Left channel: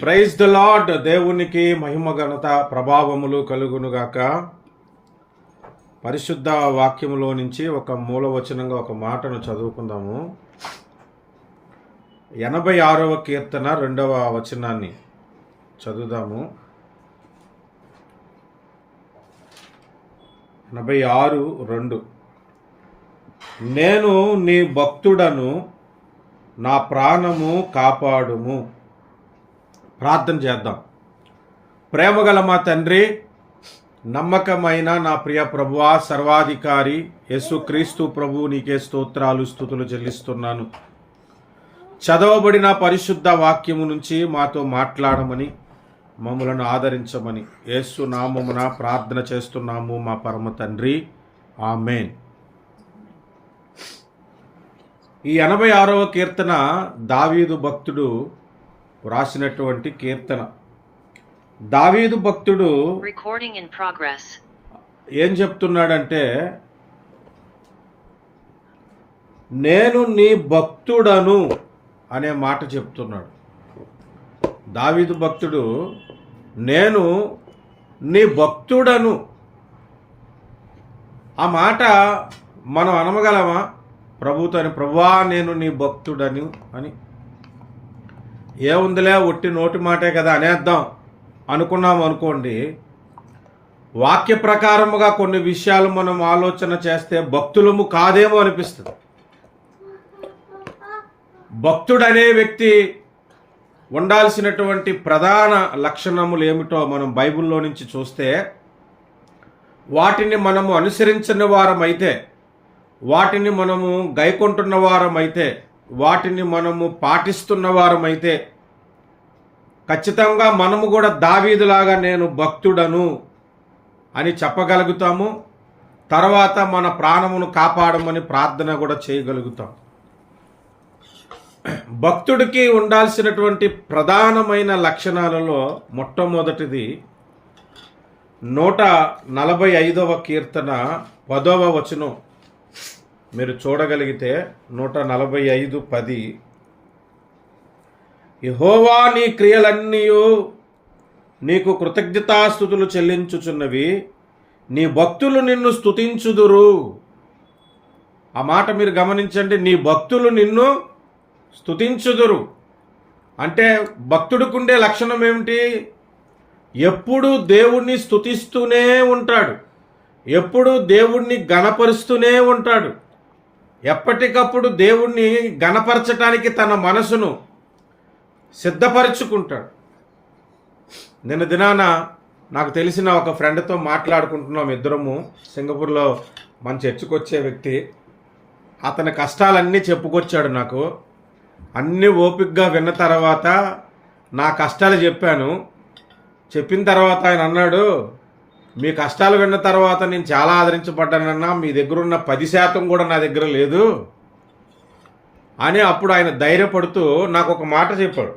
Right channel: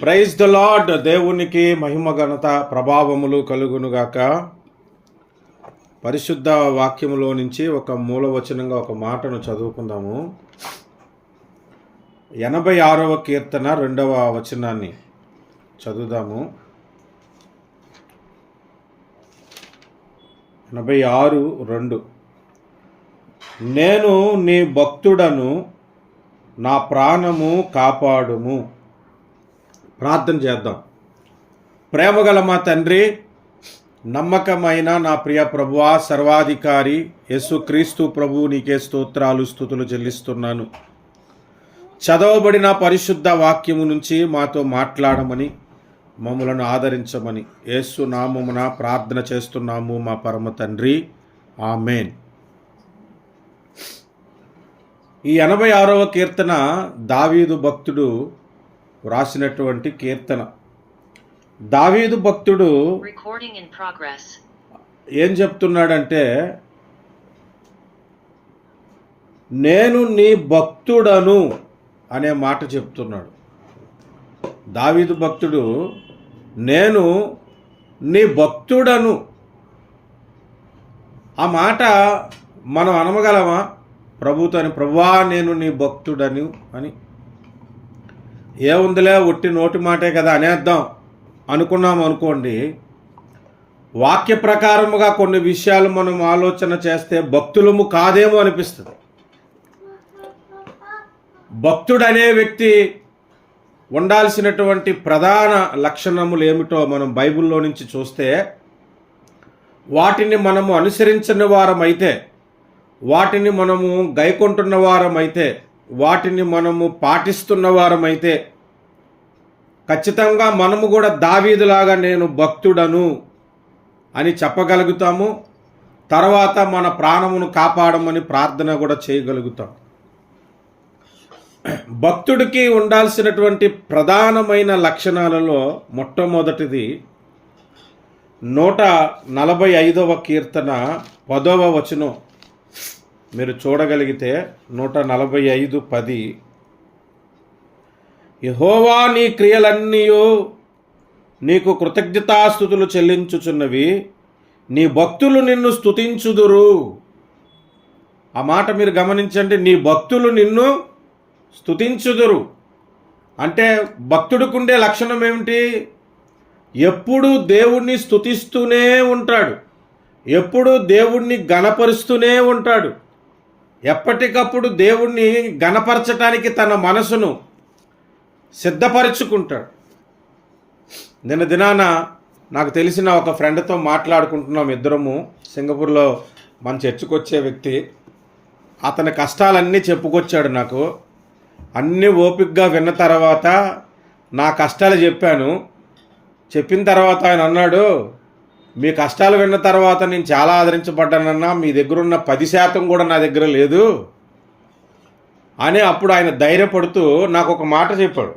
Praise the lord. దేవునికి మహిమ ఘనత ప్రభావములు కలుగునుగాక. పరిశుద్ధ వాక్యములో నుంచి ఒక మూలవచనంగా ఒక మాటను చదువుకుందాము. 86వ కీర్తన 2వ వచనాన్ని చదువుదాము. 86:2. నేను నీ భక్తుడను, నా ప్రాణము కాపాడుము. ప్రార్థన చేద్దాం. ప్రేమగల మా తండ్రి, నమ్మకమైన నా ప్రియ ప్రభువా, సర్వాధికారి యేసుక్రీస్తు ప్రభు, నీకే స్తోత్రాలు స్తుతులు చెల్లిస్తున్నాను. చదవబడిన పరిశుద్ధ వాక్యము నుంచి మాతో మాట్లాడమని, మమ్మలను ఆదరించమని యేసు నామమున ప్రార్థన చేస్తున్నాము మా పరమ తండ్రి, ఆమేన్. ఈ 86వ కీర్తన దావీదు భక్తుడు రాసినటువంటి కీర్తన. దావీదు భక్తుడు ఏం చెప్తున్నాడంటే, నేను నీ భక్తుడను అనే మాట చెప్తున్నాడు. దావీదు భక్తుడు నేను నీ భక్తుడను. ఆ మాట మనం అనగలమా? ప్రభుతోని, ప్రభువా నేను నీ భక్తుడను అని. ఏముందిలే, ఒట్టి నోటి మాటే కదా అనేద్దాం అనుకున్నాం అనుకోండి. వాక్య ప్రకారముగా కొన్ని విషయాలు మనం ఆలోచన చేస్తే భక్తులము కాదేమో అనిపిస్తుంది. భక్తుడనే వ్యక్తి ఉండాల్సినటువంటి ప్రధాన లక్షణములు ఏమిటో మనం బైబిల్లో నుంచి చూస్తే, వాటిని మనము అనుసరించిన వారమైతే, వాటిని మనము గైకొంటున్న వారమైతే, వాటిని మనము పాటిస్తున్న వారమైతే ఖచ్చితంగా మనము కూడా దావీదులాగా నేను భక్తుడను అని చెప్పగలుగుతాము. తర్వాత మన ప్రాణమును కాపాడమని ప్రార్థన కూడా చేయగలుగుతాం. భక్తుడికి ఉండాల్సినటువంటి ప్రధానమైన లక్షణాలలో మొట్టమొదటిది 145వ కీర్తన 10వ వచనం మీరు చూడగలిగితే, 145:10, యెహోవా నీ క్రియలన్నీయు నీకు కృతజ్ఞతాస్తుతులు చెల్లించుచున్నవి, నీ భక్తులు నిన్ను స్తుతించుదురు. ఆ మాట మీరు గమనించండి. నీ భక్తులు నిన్ను స్తుతించుదురు అంటే భక్తుడికుండే లక్షణం ఏమిటి? ఎప్పుడూ దేవుణ్ణి స్తుతిస్తూనే ఉంటాడు, ఎప్పుడూ దేవుణ్ణి గణపరుస్తూనే ఉంటాడు. ఎప్పటికప్పుడు దేవుణ్ణి గణపరచటానికి తన మనసును సిద్ధపరచుకుంటాడు. నిన్న దినాన నాకు తెలిసిన ఒక ఫ్రెండ్తో మాట్లాడుకుంటున్నాం. ఇద్దరము సింగపూర్లో మన చర్చికి వచ్చే వ్యక్తి. అతని కష్టాలన్నీ చెప్పుకొచ్చాడు నాకు. అన్నీ ఓపికగా విన్న తర్వాత నా కష్టాలు చెప్పాను. చెప్పిన తర్వాత ఆయన అన్నాడు, మీ కష్టాలు విన్న తర్వాత నేను చాలా ఆదరించబడ్డానన్నా, మీ దగ్గర ఉన్న 10% కూడా నా దగ్గర లేదు అని. అప్పుడు ఆయన ధైర్యపడుతూ నాకు ఒక మాట చెప్పాడు.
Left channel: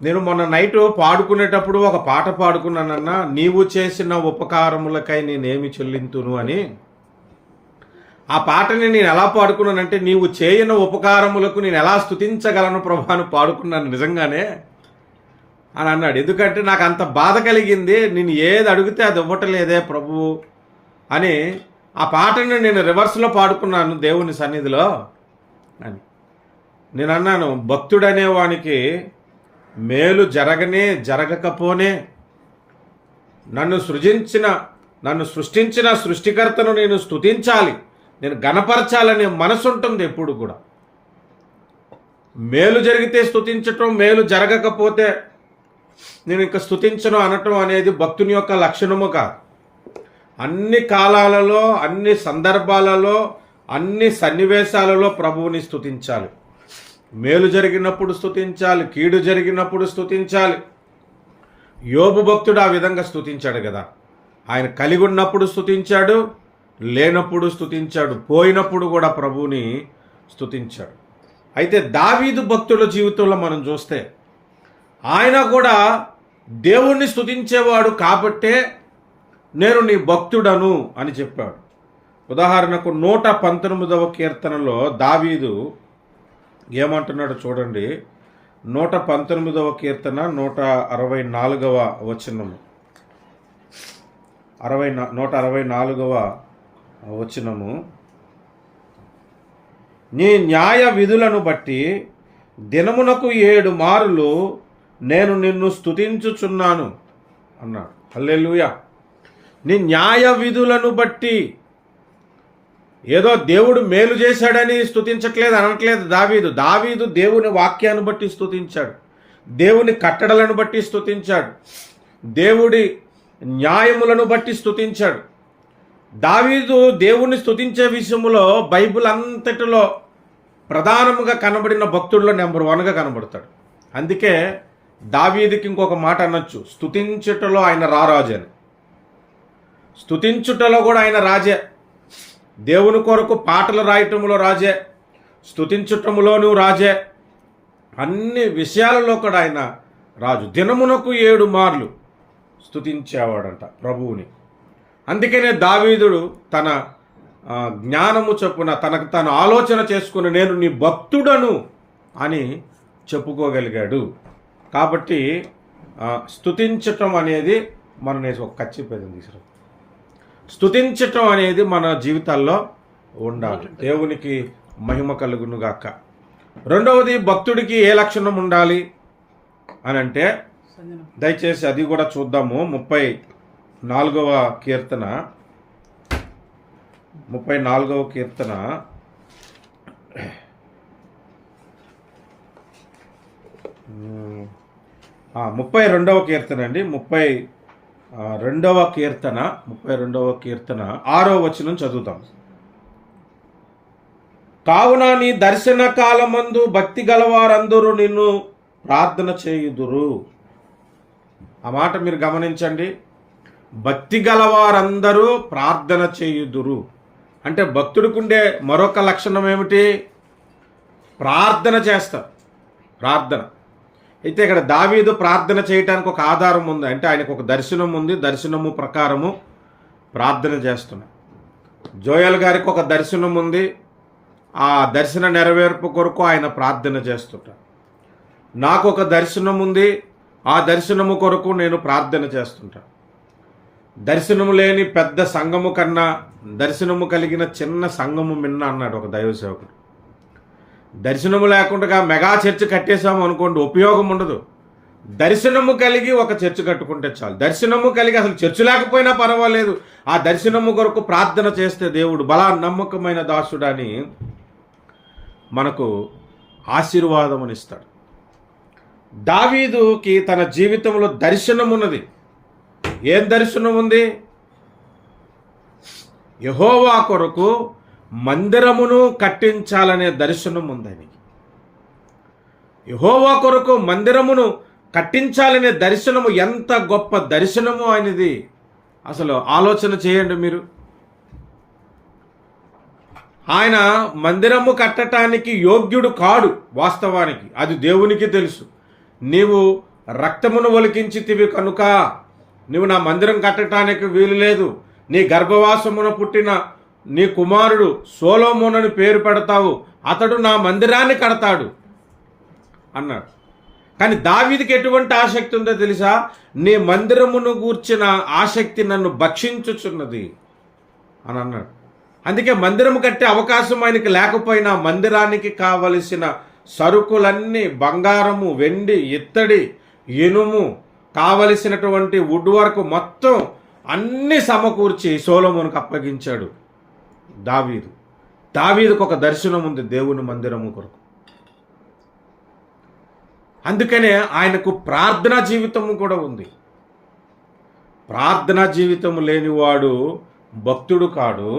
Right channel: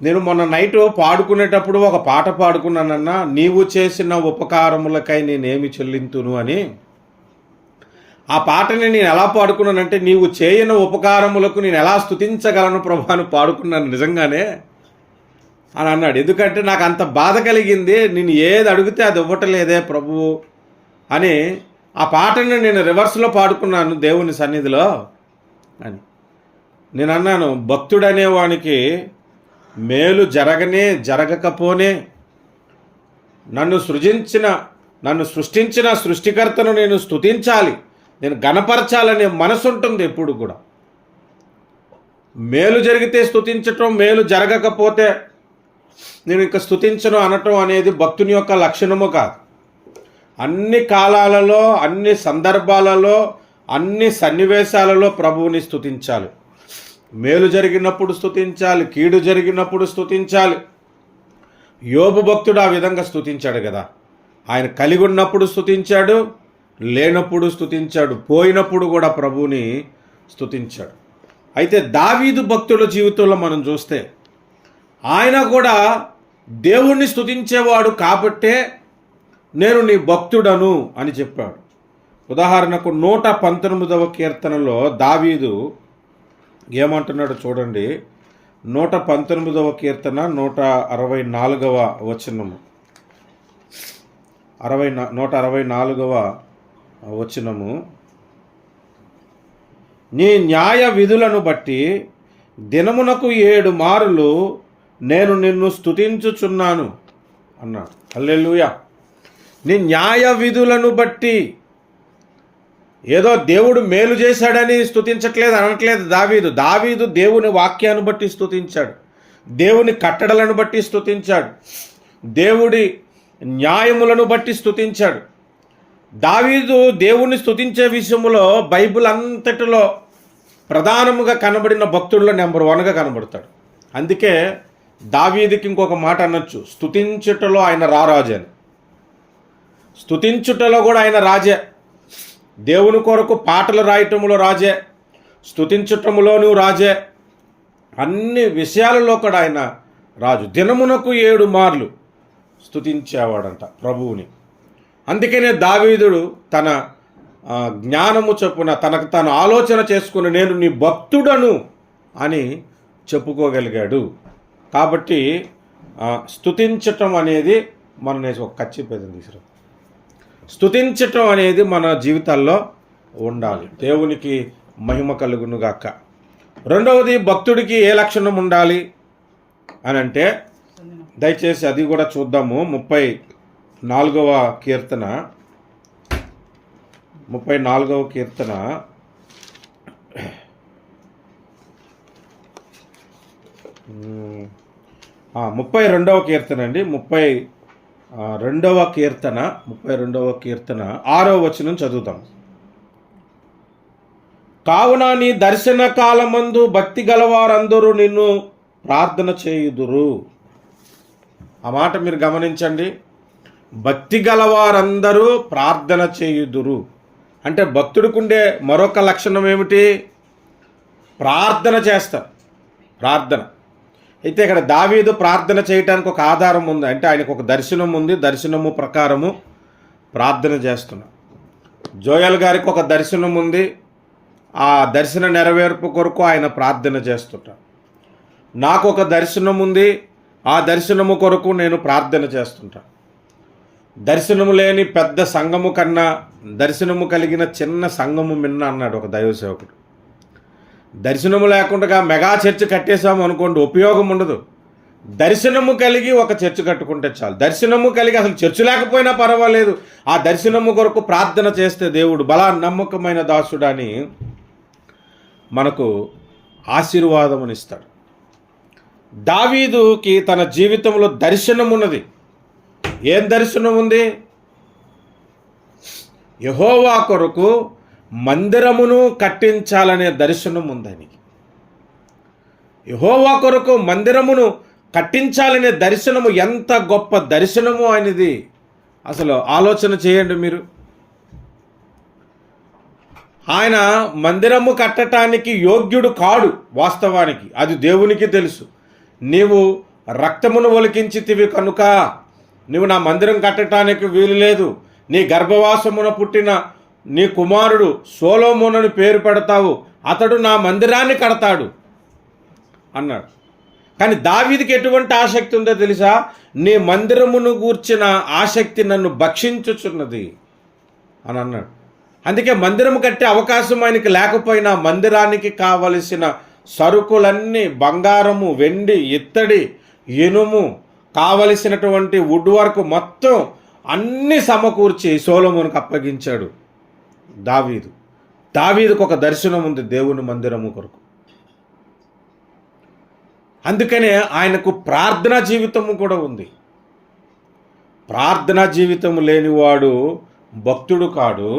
నేను మొన్న నైట్ పాడుకునేటప్పుడు ఒక పాట పాడుకున్నానన్నా, నీవు చేసిన ఉపకారములకై నేనేమి చెల్లింతును అని. ఆ పాటని నేను ఎలా పాడుకున్నానంటే, నీవు చేయని ఉపకారములకు నేను ఎలా స్తుతించగలను ప్రభు అని పాడుకున్నాను నిజంగానే అని అన్నాడు. ఎందుకంటే నాకు అంత బాధ కలిగింది, నేను ఏది అడిగితే అది ఇవ్వటలేదే ప్రభువు అని. ఆ పాటని నేను రివర్స్లో పాడుకున్నాను దేవుని సన్నిధిలో అని. నేను అన్నాను, భక్తుడనేవానికి మేలు జరగకపోనే నన్ను సృష్టించిన సృష్టికర్తను నేను స్తుతించాలి, నేను గణపరచాలనే మనసు ఉంటుంది ఎప్పుడు కూడా. మేలు జరిగితే స్తుతించటం, మేలు జరగకపోతే నేను ఇంకా స్తుతించను అనటం అనేది భక్తుని యొక్క లక్షణము కాదు. అన్ని కాలాలలో, అన్ని సందర్భాలలో, అన్ని సన్నివేశాలలో ప్రభువుని స్తుతించాలి. మేలు జరిగినప్పుడు స్తుతించాలి, కీడు జరిగినప్పుడు స్తుతించాలి. యోబు భక్తుడు ఆ విధంగా స్తుతించాడు కదా. ఆయన కలిగి ఉన్నప్పుడు స్తుతించాడు, లేనప్పుడు స్తుతించాడు, పోయినప్పుడు కూడా ప్రభువుని స్తుతించాడు. అయితే దావీదు భక్తుల జీవితంలో మనం చూస్తే, ఆయన కూడా దేవుణ్ణి స్తుతించేవాడు కాబట్టే నేను నీ భక్తుడను అని చెప్పాడు. ఉదాహరణకు 119వ కీర్తనలో దావీదు ఏమంటున్నాడు చూడండి. 119వ కీర్తన 164వ వచనము. 164వ వచనము. నీ న్యాయ విధులను బట్టి దినమునకు 7 మారులు నేను నిన్ను స్తుతించుచున్నాను అన్నాడు. హల్లెలూయా. నీ న్యాయ విధులను బట్టి, ఏదో దేవుడు మేలు చేశాడని స్తుతించట్లేదు అనట్లేదు దావీదు దేవుని వాక్యాన్ని బట్టి స్తుతించాడు, దేవుని కట్టడలను బట్టి స్తుతించాడు, దేవుడి న్యాయములను బట్టి స్తుతించాడు. దావీదు దేవుణ్ణి స్తుతించే విషయంలో బైబిల్ అంతటిలో ప్రధానముగా కనబడిన భక్తుల్లో నెంబర్ 1గా కనబడతాడు. అందుకే దావీదుకి ఇంకొక మాట అనొచ్చు, స్తుతించుటలో ఆయన రారాజు అని. స్తుతించుటలో కూడా ఆయన రాజే. దేవుని కొరకు పాటలు రాయటములో రాజే, స్తుతించటములోనూ రాజే, అన్ని విషయాలలో కూడా ఆయన రాజు. దినమునకు 7 మార్లు స్తుతించేవాడంట ప్రభువుని. అందుకనే దావీదుడు తన జ్ఞానము చొప్పున తనకు తను ఆలోచన చేసుకుని నేను నీ భక్తుడను అని చెప్పుకోగలిగాడు. కాబట్టి స్తుతించటం అనేది మన ఒక కచ్చిపోయింది తీసుకురా, స్తుతించటం అనేది మన జీవితాల్లో ఉండాలి. దేవునికి మహిమ కలుగునుగాక. రెండవది, భక్తుడికి ఏ లక్షణం ఉండాలి అని అంటే, దయచేసి అది కూడా చూద్దాము. 34వ కీర్తన 32వ కీర్తన 32వ కీర్తన అండి. 32వ కీర్తన 6వ వచనం చదువుతాం. కావున నీ దర్శన కాలమందు భక్తి గలవారందరూ నిన్ను ప్రార్థన చేయుదురు. ఆ మాట మీరు గమనించండి. భక్తి గలవారందరూ ప్రార్థన చేయుదురు అంటే భక్తుడికి ఉండే మరొక లక్షణం ఏమిటి? ప్రార్థన చేస్తారు. ప్రార్థన. అయితే ఇక్కడ దావీదు ప్రార్థన చేయటానికి ఒక ఆధారం ఉంది. అంటే ఆయనకు ఒక దర్శనం ఉంది, దర్శనము ప్రకారము ప్రార్థన చేస్తున్నాడు. జోయల్ గారికి ఒక దర్శనం ఉంది, ఆ దర్శన నెరవేర్పు కొరకు ఆయన ప్రార్థన చేస్తుంటాడు. నాకు ఒక దర్శనం ఉంది, ఆ దర్శనము కొరకు నేను ప్రార్థన చేస్తుంటాను. దర్శనము లేని పెద్ద సంఘము కన్నా దర్శనము కలిగిన చిన్న సంఘము మిన్న అన్నాడు ఒక దైవ సేవకుడు. దర్శనము లేకుండా మెగా చర్చ్ కట్టేశాము అనుకోండి, ఉపయోగం ఉండదు. దర్శనము కలిగి ఒక చర్చ్ కట్టుకుంటే చాలు. దర్శనము కలిగి అసలు చర్చ్ లేకపోయినా పర్వాలేదు, ఆ దర్శనము కొరకు ప్రార్థన చేస్తే దేవుడు బలా నమ్మకమైన దాసుడని మనకు ఆశీర్వాదం ఇస్తాడు. దావీదుకి తన జీవితంలో దర్శనం ఉన్నది. ఏం దర్శనం ఉంది? యెహోవా కొరకు మందిరమును కట్టించాలనే దర్శనం ఉంది ఆయనకి. యెహోవా కొరకు మందిరమును కట్టించాలనే దర్శనము ఎంత గొప్ప దర్శనము ఆయనది. అసలు ఆలోచన చేయండి మీరు. ఆయన మందిరము కట్టడానికి యోగ్యుడు కాడు వాస్తవానికి, అది దేవునికి తెలుసు. నీవు రక్తమును ఒలికించితివి కనుక నీవు నా మందిరం కట్టడానికి వీలు లేదు. నీ గర్భవాసమున పుట్టిన నీ కుమారుడు సొలొమోనుని పేరు పెడతావు, అతడు నా మందిరాన్ని కడతాడు అన్నాడు. కానీ దావీదుకి ఎటువంటి ఆసక్తి ఉందో తెలుసా? నీ మందిరమును గూర్చిన ఆసక్తి నన్ను భక్షించుచున్నది అని అన్నాడు. అందుకే మందిరము కట్టే అవకాశం ఆయనకి లేకపోయినా మందిరానికి కావలసిన సరుకులన్నీ బంగారము, వెండి, ఇత్తడి, ఇనుము, కావలసినటువంటి వుడ్ వర్క్ మొత్తం అన్నీ సమకూర్చి సొలొమోనుకు అప్పగించాడు దావీదు. దావీదుకు ఒక దర్శనం ఉంది దేవుని మందిరము కొరకు. అందుకనే ఆయనకు ప్రార్థనా జీవితము కూడా ఉంది. ప్రార్థనా జీవితం లేనివాడు భక్తుడు కాడు,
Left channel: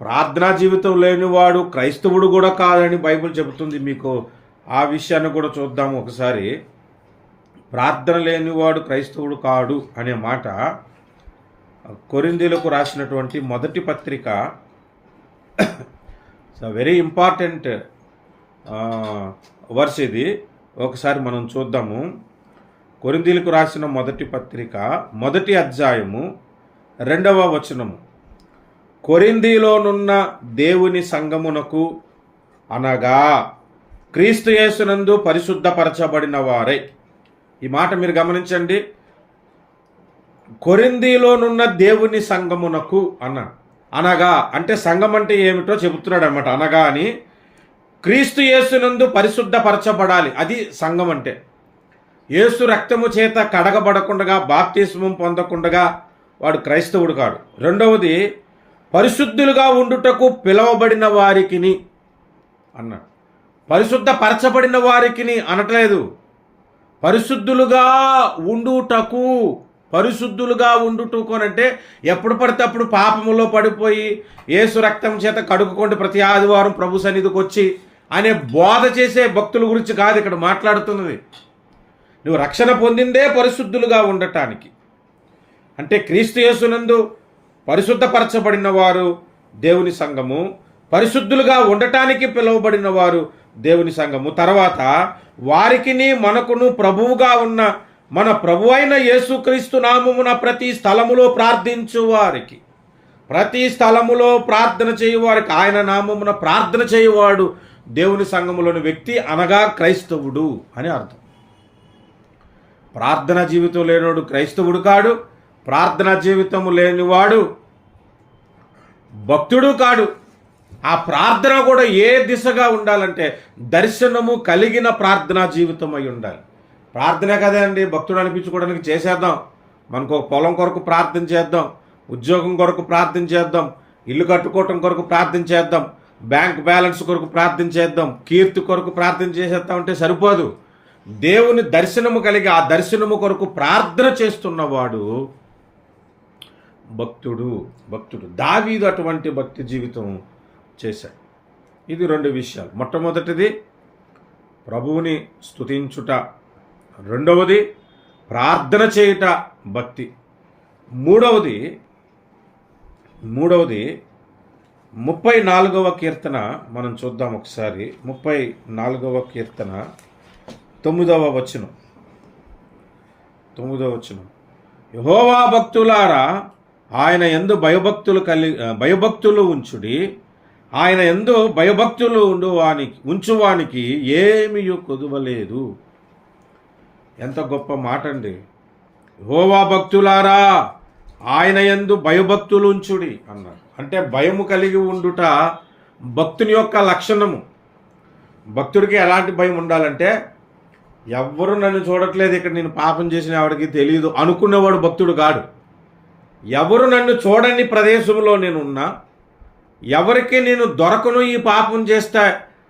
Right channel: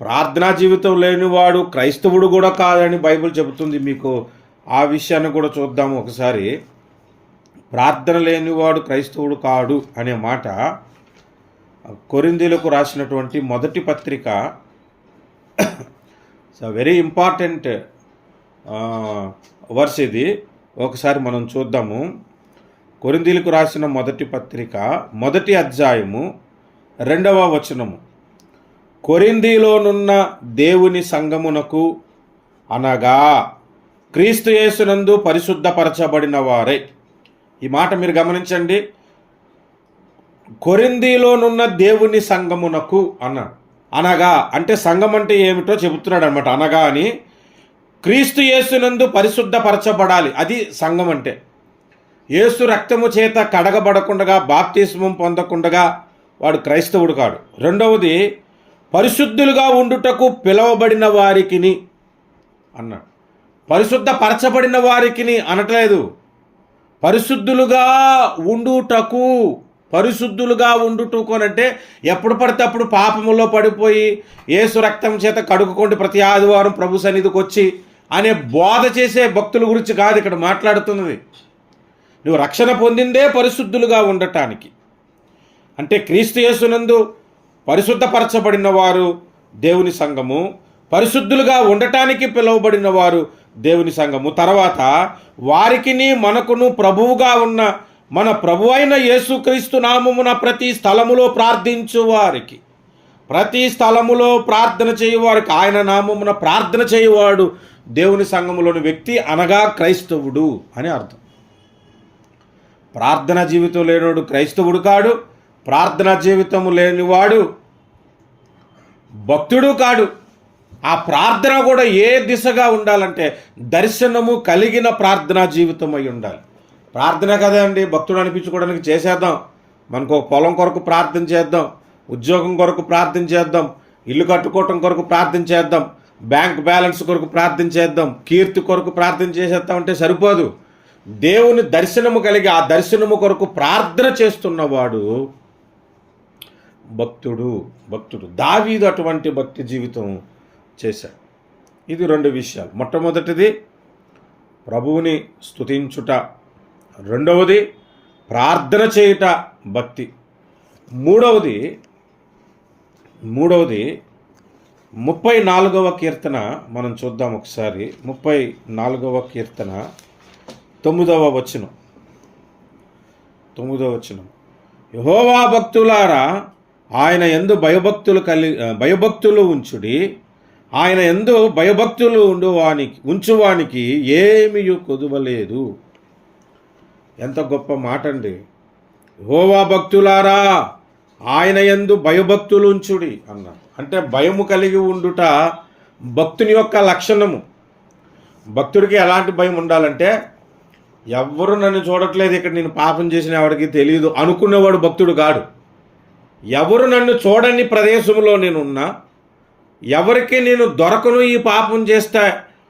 ప్రార్థనా జీవితం లేనివాడు క్రైస్తవుడు కూడా కాదని బైబిల్ చెబుతుంది. మీకు ఆ విషయాన్ని కూడా చూద్దాము ఒకసారి. ప్రార్థన లేనివాడు క్రైస్తవుడు కాడు అనే మాట కొరింథీయులకు రాసినటువంటి మొదటి పత్రిక, వెరీ ఇంపార్టెంట్ వర్స్ ఇది. ఒకసారి మనం చూద్దాము. కొరింథీయులకు రాసిన మొదటి పత్రిక 1వ అధ్యాయము 2వ వచనము. కొరింథీలోనున్న దేవుని సంఘమునకు అనగా క్రీస్తు యేసునందు పరిశుద్ధపరచబడిన వారై. ఈ మాట మీరు గమనించండి. కొరింథీలోనున్న దేవుని సంఘమునకు అన్నాడు. అనగా అంటే సంఘం అంటే ఏమిటో చెబుతున్నాడు అనమాట. అనగా అని క్రీస్తు యేసునందు పరిశుద్ధపరచబడాలి, అది సంఘం అంటే. యేసు రక్తము చేత కడగబడకుండగా, బాప్తిస్మం పొందకుండగా వాడు క్రైస్తవుడు కాడు. రెండవది, పరిశుద్ధులుగా ఉండుటకు పిలవబడిన వారికిని అన్నాడు. పరిశుద్ధపరచబడిన వారికిని అనట్లేదు, పరిశుద్ధులుగా ఉండుటకు. పరిశుద్ధులుగా ఉండుటకు అంటే ఎప్పుడు పడితే అప్పుడు పాపములో పడిపోయి యేసు రక్తం చేత కడుక్కోండి ప్రతి ఆదివారం ప్రభు సన్నిధికి వచ్చి అనే బోధ చేసే భక్తుల గురించి కాదు ఇక్కడ మాట్లాడుతున్నది. నువ్వు రక్షణ పొందిందే పరిశుద్ధులుగా ఉండటానికి. అంటే క్రీస్తు యేసునందు పరిశుద్ధపరచబడిన వారు దేవుని సంఘము, పరిశుద్ధులుగా ఉండటానికి పిలువబడిన వారు దేవుని సంఘము. తర్వాత వారికిని మనకును ప్రభువుగా ఉన్న మన ప్రభు అయిన యేసుక్రీస్తు నామమున ప్రతి స్థలములో ప్రార్థించు వారికి, ప్రతి స్థలములో ప్రార్థన చేయువారికి, ఆయన నామమున ప్రార్థన చేయువాడు దేవుని సంఘములోని వ్యక్తి, అనగా క్రైస్తవుడు అని అర్థం. ప్రార్థనా జీవితం లేనివాడు క్రైస్తవుడు కాడు, ప్రార్థనా జీవితము లేనివాడు భక్తుడు కాడు. ఆ ప్రార్థన కూడా ఏ దిశగా ఉండాలంటే దర్శనము కలిగిన ప్రార్థనా జీవితం అయి ఉండాలి. ప్రార్థన కదా అండి భక్తుడు అనిపించుకోవడానికి చేసేద్దాం, మనకు ఒక పొలం కొరకు ప్రార్థన చేద్దాం, ఉద్యోగం కొరకు ప్రార్థన చేద్దాం, ఇల్లు కట్టుకోవటం కొరకు ప్రార్థన చేద్దాం, బ్యాంక్ బ్యాలెన్స్ కొరకు ప్రార్థన చేద్దాం, కీర్తి కొరకు ప్రార్థన చేసేద్దాం అంటే సరిపోదు. దేవుని దర్శనము కలిగి ఆ దర్శనము కొరకు ప్రార్థన చేస్తున్నవాడు భక్తుడు. దావీదు అటువంటి భక్తి జీవితం చేశాడు. ఇది రెండు విషయాలు. మొట్టమొదటిది ప్రభువుని స్తుతించుట, రెండవది ప్రార్థన చేయుట భక్తి. మూడవది 34వ కీర్తన మనం చూద్దాం ఒకసారి. 34వ కీర్తన 9వ వచనం. యెహోవా భక్తులారా, ఆయన యందు భయభక్తులు ఉంచుడి, ఆయన యందు భయభక్తులు ఉంచువానికి ఏమీ కొదువలేదు. ఎంత గొప్ప మాట అండి. యెహోవా భక్తులారా, ఆయన యందు భయభక్తులు ఉంచుడి అన్నాడు. అంటే భయము కలిగి ఉండుట భక్తుని యొక్క లక్షణము. భక్తుడికి ఎలాంటి భయం ఉండాలంటే, ఎవ్వరు నన్ను చూడట్లేదు, ఇక్కడ నేను పాపం చేసిన ఎవరికి తెలియదు అనుకునేవాడు భక్తుడు కాడు. ఎవరు నన్ను చూడని ప్రదేశంలో నేనున్నా, ఎవరికి నేను దొరకను ఈ పాపం చేస్తా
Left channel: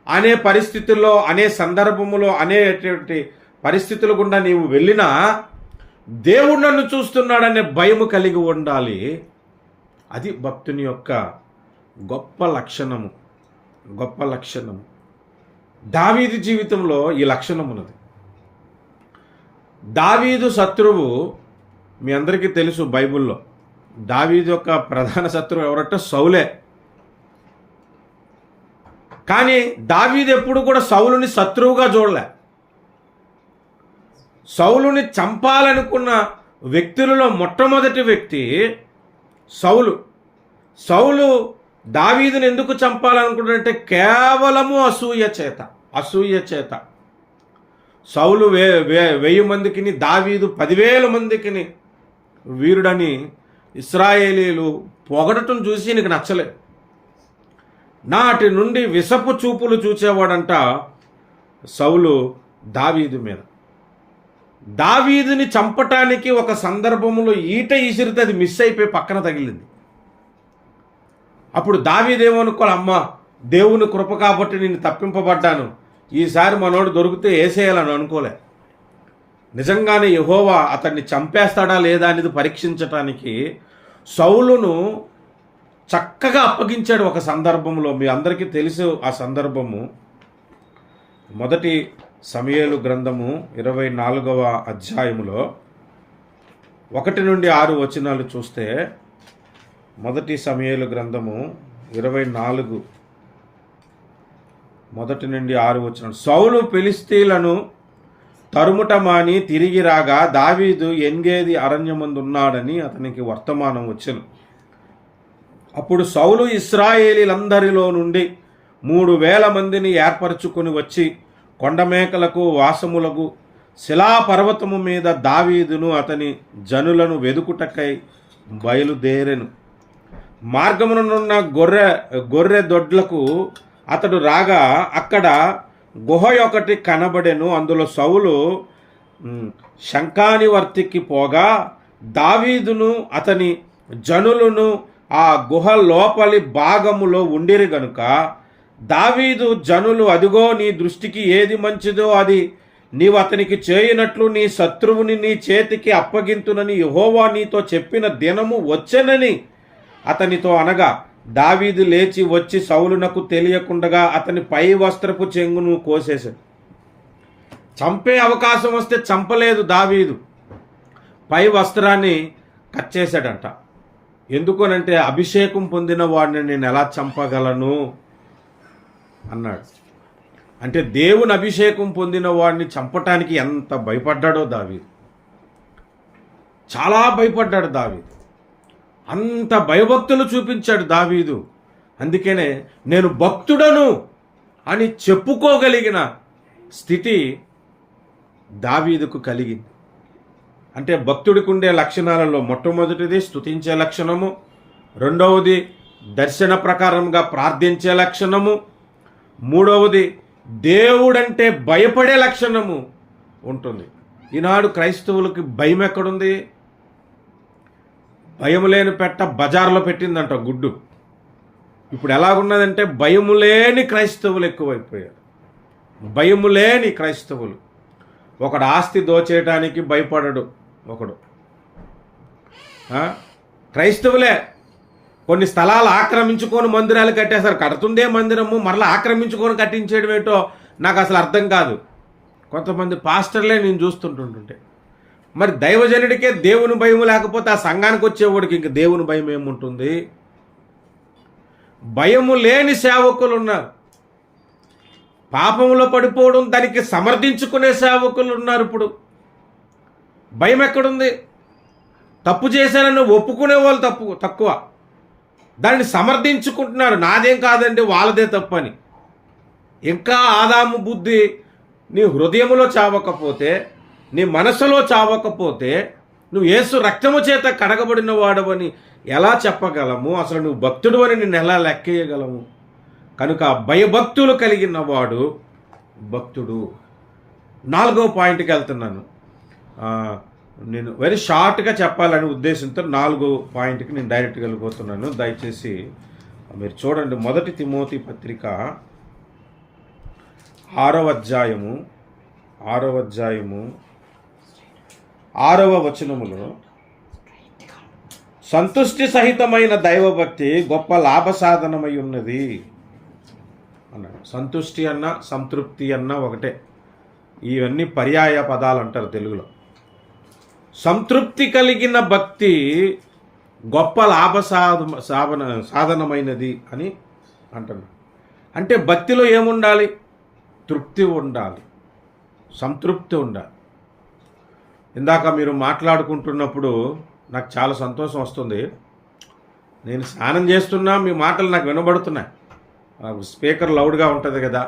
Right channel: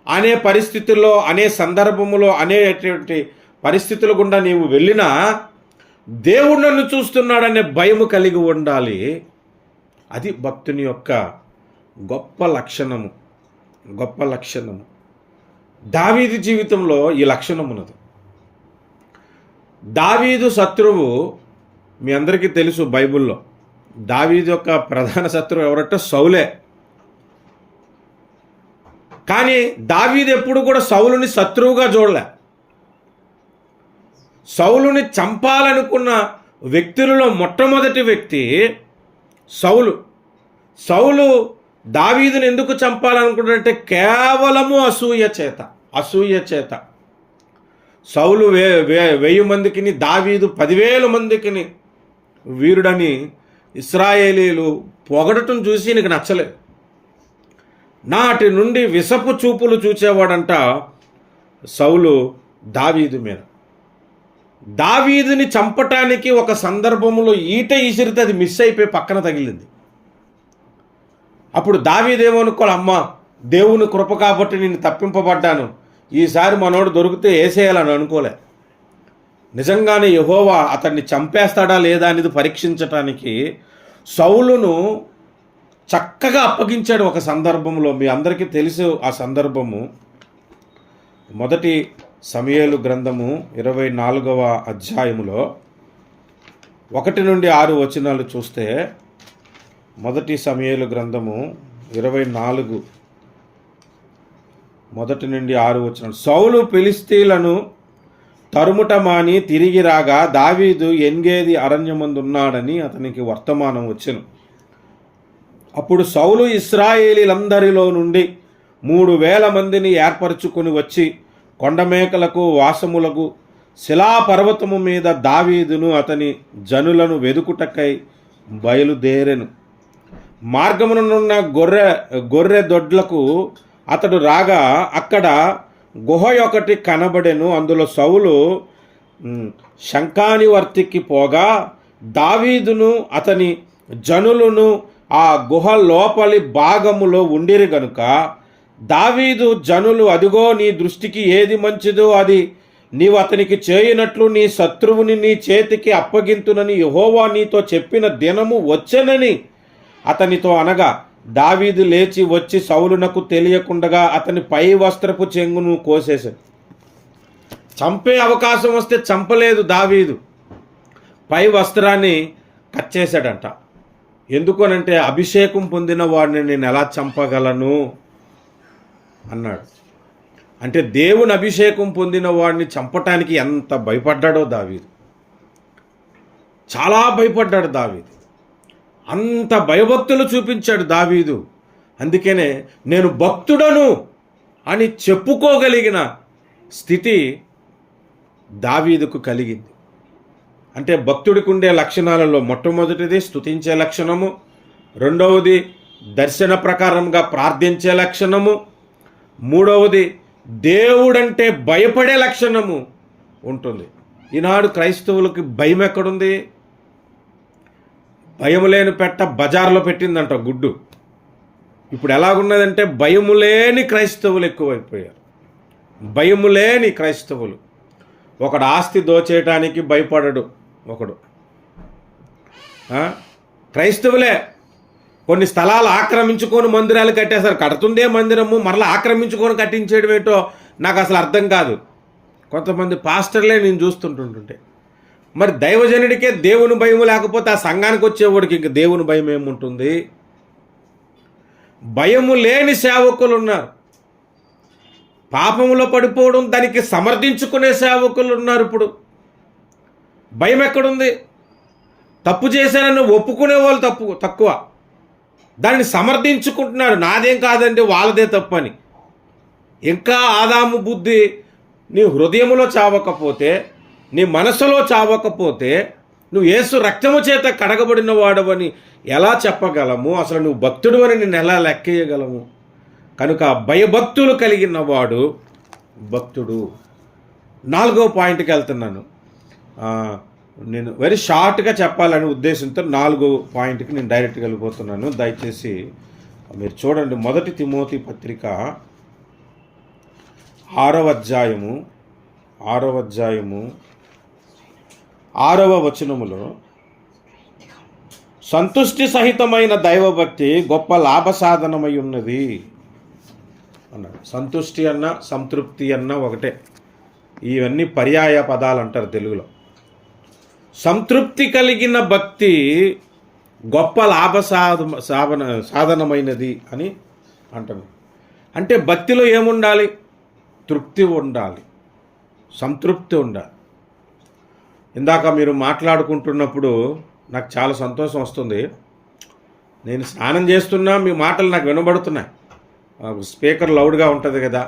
అనే పరిస్థితుల్లో, అనే సందర్భములో, అనేటువంటి పరిస్థితుల గుండా నీవు వెళ్ళినా దేవుడు నన్ను చూస్తున్నాడనే భయము కలిగి ఉండాలి. అది భక్తుని యొక్క గొప్ప లక్షణము. దావీదు జీవితంలో ఈ లక్షణం ఉన్నది. దావీదు శత్రువు మీ అందరికీ తెలుసు. బైబిల్లో దావీదు యొక్క ప్రధాన శత్రువు ఎవరంటే సౌలే. కానీ దావీదు ఎప్పుడు కూడా సౌలుని శత్రువుగా చూడలే. సౌలుని చంపాలనుకున్న వ్యక్తులలో మొట్టమొదటి వ్యక్తి సౌలు దావీదుని ఎందుకు చంపాలనుకుంటాడంటే కేవలము అసూయ చేత. సౌలు 1000 మందికిని, దావీదు 10,000 మందికిని వీరుడని ఇశ్రాయేలీలు పొగడటం చూసి నీకు నచ్చలేదు. నాటి నుండి విషపు చూపులు చూచేవాడంట సౌలు దావీదు మీద. దావీదుని చంపటానికి ఒక సందర్భంలో ఈట ఈసిరితే అది మిస్ అయిపోయి పక్కన తగిలింది. అప్పుడు దావీదు ఏమనుకోవాలి, అమ్మ దేవుని కృప కాబట్టి నేను తప్పింపబడ్డాను, ఈసారి మనోడు దొరికితే వేసేయాలని అనుకోలే. నిజంగానే యెహోవా అతన్ని చంపేస్తాడా లేదా అనేది పరీక్షించటానికి సౌలును చక్కగా అప్పగించాడు ఒక సందర్భంలో. మీ అందరికీ తెలుసు ఆ సందర్భము. మొదటి సమూయేలు గ్రంథము 24వ అధ్యాయములో 1 నుండి 6 వచనాలు చూస్తే, మొదటి సమూయేలు గ్రంథము 24 1 నుండి 6 వచనాలు. సౌలు ఫిలిష్తీయులను తరుముట మాని తిరిగి రాగా దావీదు ఎన్గేది అరణ్యమందున్నాడని అతనికి వర్తమానం వచ్చెను. అప్పుడు సౌలు ఇశ్రాయేలీలందరిలో నుండి 3,000 మందిని ఏర్పరచుకొని వచ్చి కొండమేకలకు వాసములకు శిలాపర్వతము మీద దావీదును అతని జనులను వెదుకుటకై బయలుదేరెను. మార్గమునున్న గొర్రె దొడ్లకు అతడు రాగా అక్కడ గుహ ఒకటి కనబడెను. అందులో సౌలు శంఖానివర్తికి పోగా దావీదును అతని జనులను ఆ గుహ లోపలి భాగములో ఉండిరి గనుక దావీదు జనులు, అదిగో నీ దృష్టికి ఏది మంచిదో అది నీవు అతనికి చేయునట్లు నీ శత్రువుని నీ చేతికి అప్పగింతునని యెహోవా నీతో చెప్పిన దినము వచ్చెనని అతనితో అనగా, దావీదు లేచి వచ్చి సౌలునకు తెలియకుండగా అతని పై వస్త్రపు చెంగును కోసేశాడు. చంపే అవకాశం వస్తే చంపలేదు దావీదు, పై వస్త్రాన్ని కట్ చేశాడంట. ఎందుకనంటే అభిషేకం పొందిన వాడిని నేను ఎలా చంపగలను అన్నాడు. అంటే దేవుని అభిషేకం పొందిన వాడిని చంపటానికి ఎంత భయపడ్డాడో దావీదు, చాలా భయపడ్డాడు దావీదు. అంత భయభక్తులు చూపించాడు దావీదు. అందుకనే నేను భక్తుడను అని చెప్పుకోగలిగిన స్థితి దావీదుకు కలిగింది. అంటే భక్తుడికి ఉండే లక్షణాలలో మొట్టమొదటిది స్తుతించే లక్షణము, రెండవది దర్శన ప్రకారంగా ప్రార్థించే లక్షణము, మూడవది దేవుడంటే భయపడే లక్షణము ఉంటుంది. ఈనాడు క్రైస్తవులకి భయం ఎక్కడుంది? భయము లేని పెట్ట బజార్లో పెట్టిందంట గుడ్డు. ఇప్పుడు ఎలాగున్నదంటే భయము లేని క్రైస్తవులు ఎక్కువైపోయారు. భయము లేని క్రైస్తవులు. ఒకడు ఆస్తి దోచేయటానికి భయపడడు ఒకడు. క్రైస్తవులే కొన్ని స్థలాలు ఆక్రమించుకొని మందిరాలు కట్టేశారు. కడుతుందే మందిరము, మరలా ఆక్రమించుకొని కట్టించేయడం ఏంటో నాకు అసలు అర్థం కాదు. కొంతమంది పాస్టర్లే నేను చూస్తుంటుంటే, మరి దైవజనుడికే దేవుని భయం లేకపోతే ఆ సంఘానికి వచ్చేవాడికి ఇంక దేవుని భయం ఏముంటుంది? భయము లేని సేవకులు ఉన్నారు. పాపములో పడిపోవడం దానికి సమర్థించుకునే సేవకులు ఉన్నారు. ఇప్పుడు భయం ఎక్కడుంది? తప్పు చేశానని ఒప్పుకునే వాళ్ళు తక్కువ. దాన్ని సమర్థించుకుంటున్నాడు, నాదేం కాదండి వాళ్ళదే తప్పని. ఇంకా ఆదాము బుద్ధి నీ హృదయములో చావకపోతే, నీ మనసులో చావకపోతే నువ్వు యేసు రక్తము చేత కడగబడిన వాడవని ఎలా చెప్పగలము? అసలు నువ్వు భక్తుడు అని నిన్ను ఎలా లెక్కేయగలము? కనుక భయభక్తులు కలిగిన వాడు భక్తుడు. 4వ పాయింట్కి వెళ్తున్నాను. నేను వెరీ షార్ట్గా చెప్పాలని ఉద్దేశంతో 4వ పాయింట్కి నేను డైరెక్ట్గా వెళ్ళిపోతున్నాను. దయచేసి మీరు చూడండి. 1 తిమోతి పత్రిక 6వ అధ్యాయము 6వ వచనములో, సంతుష్టి సహితమైన దైవభక్తి గొప్ప లాభసాధనమై ఉన్నది అన్నాడు. సంతుష్టి అన్న సంతృప్తి అన్న ఒకటే. ఇవన్నీ పర్యాయ పదాలు అంటారు తెలుగులో. సంతృప్తి కలిగిన భక్తి గొప్ప సాధనమైనది అని అంటున్నాడు. అంటే భక్తిలో ఏముండాలి? తృప్తి ఉండాలి, సంతృప్తి ఉండాలి. ఇందాక మీరు మాట్లాడుకుంటున్నప్పుడు నాకు చాలా సంతోషం వస్తుంది. నేను స్నానం చేస్తున్నా, మీ మాటలు నాకు వినబడుతున్నాయి. స్పీకర్ లౌడ్గా ఉంటుంది కదా.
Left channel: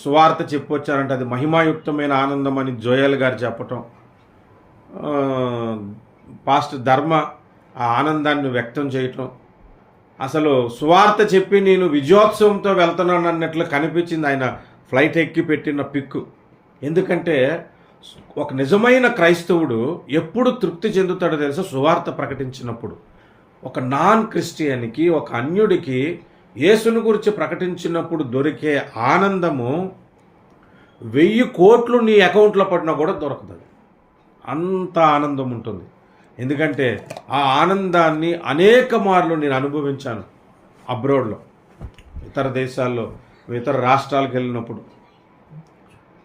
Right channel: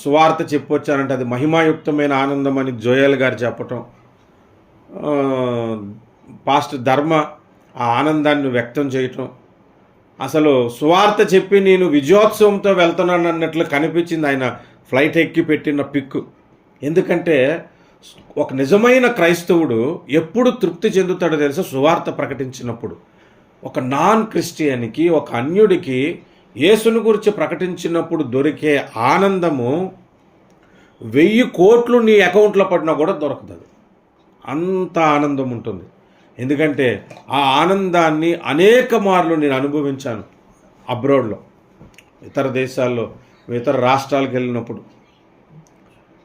సువార్త చెప్పొచ్చానంటే అది మహిమాయుక్తమైన ఆనందం అని జోయల్ గారు చెప్పటం, పాస్టర్ ధర్మ ఆ ఆనందాన్ని వ్యక్తం చేయటం, అసలు సువార్త చెప్పి నేను విజయోత్సవంతో వెళ్తున్నాను అన్నట్లు కనిపించింది ఆయన ఫ్లైట్ ఎక్కి పెట్టిన పిక్కు. ఎందుకంటే ఒక నిజమైన క్రైస్తవుడు ఎప్పుడు తృప్తి చెందుతాడో తెలుసా? సువార్త ప్రకటించినప్పుడు. ఒక నాన్ క్రిస్టియన్కి, ఒక అన్యుడికి యేసుని గురించి ప్రకటించినప్పుడు దొరికే ఆనందము 1000 కోట్లు నీ అకౌంట్లో పడినా కూడా దొరకదు. అంత ఆనందం ఉంటుంది. ఎందుకంటే ఆ ఆనందాన్ని అనేక మార్లు నేను అనుభవించాను అబ్రాడ్లో, ఇతర దేశాల్లో, ఇతర రాష్ట్రాలకు వెళ్ళినప్పుడు.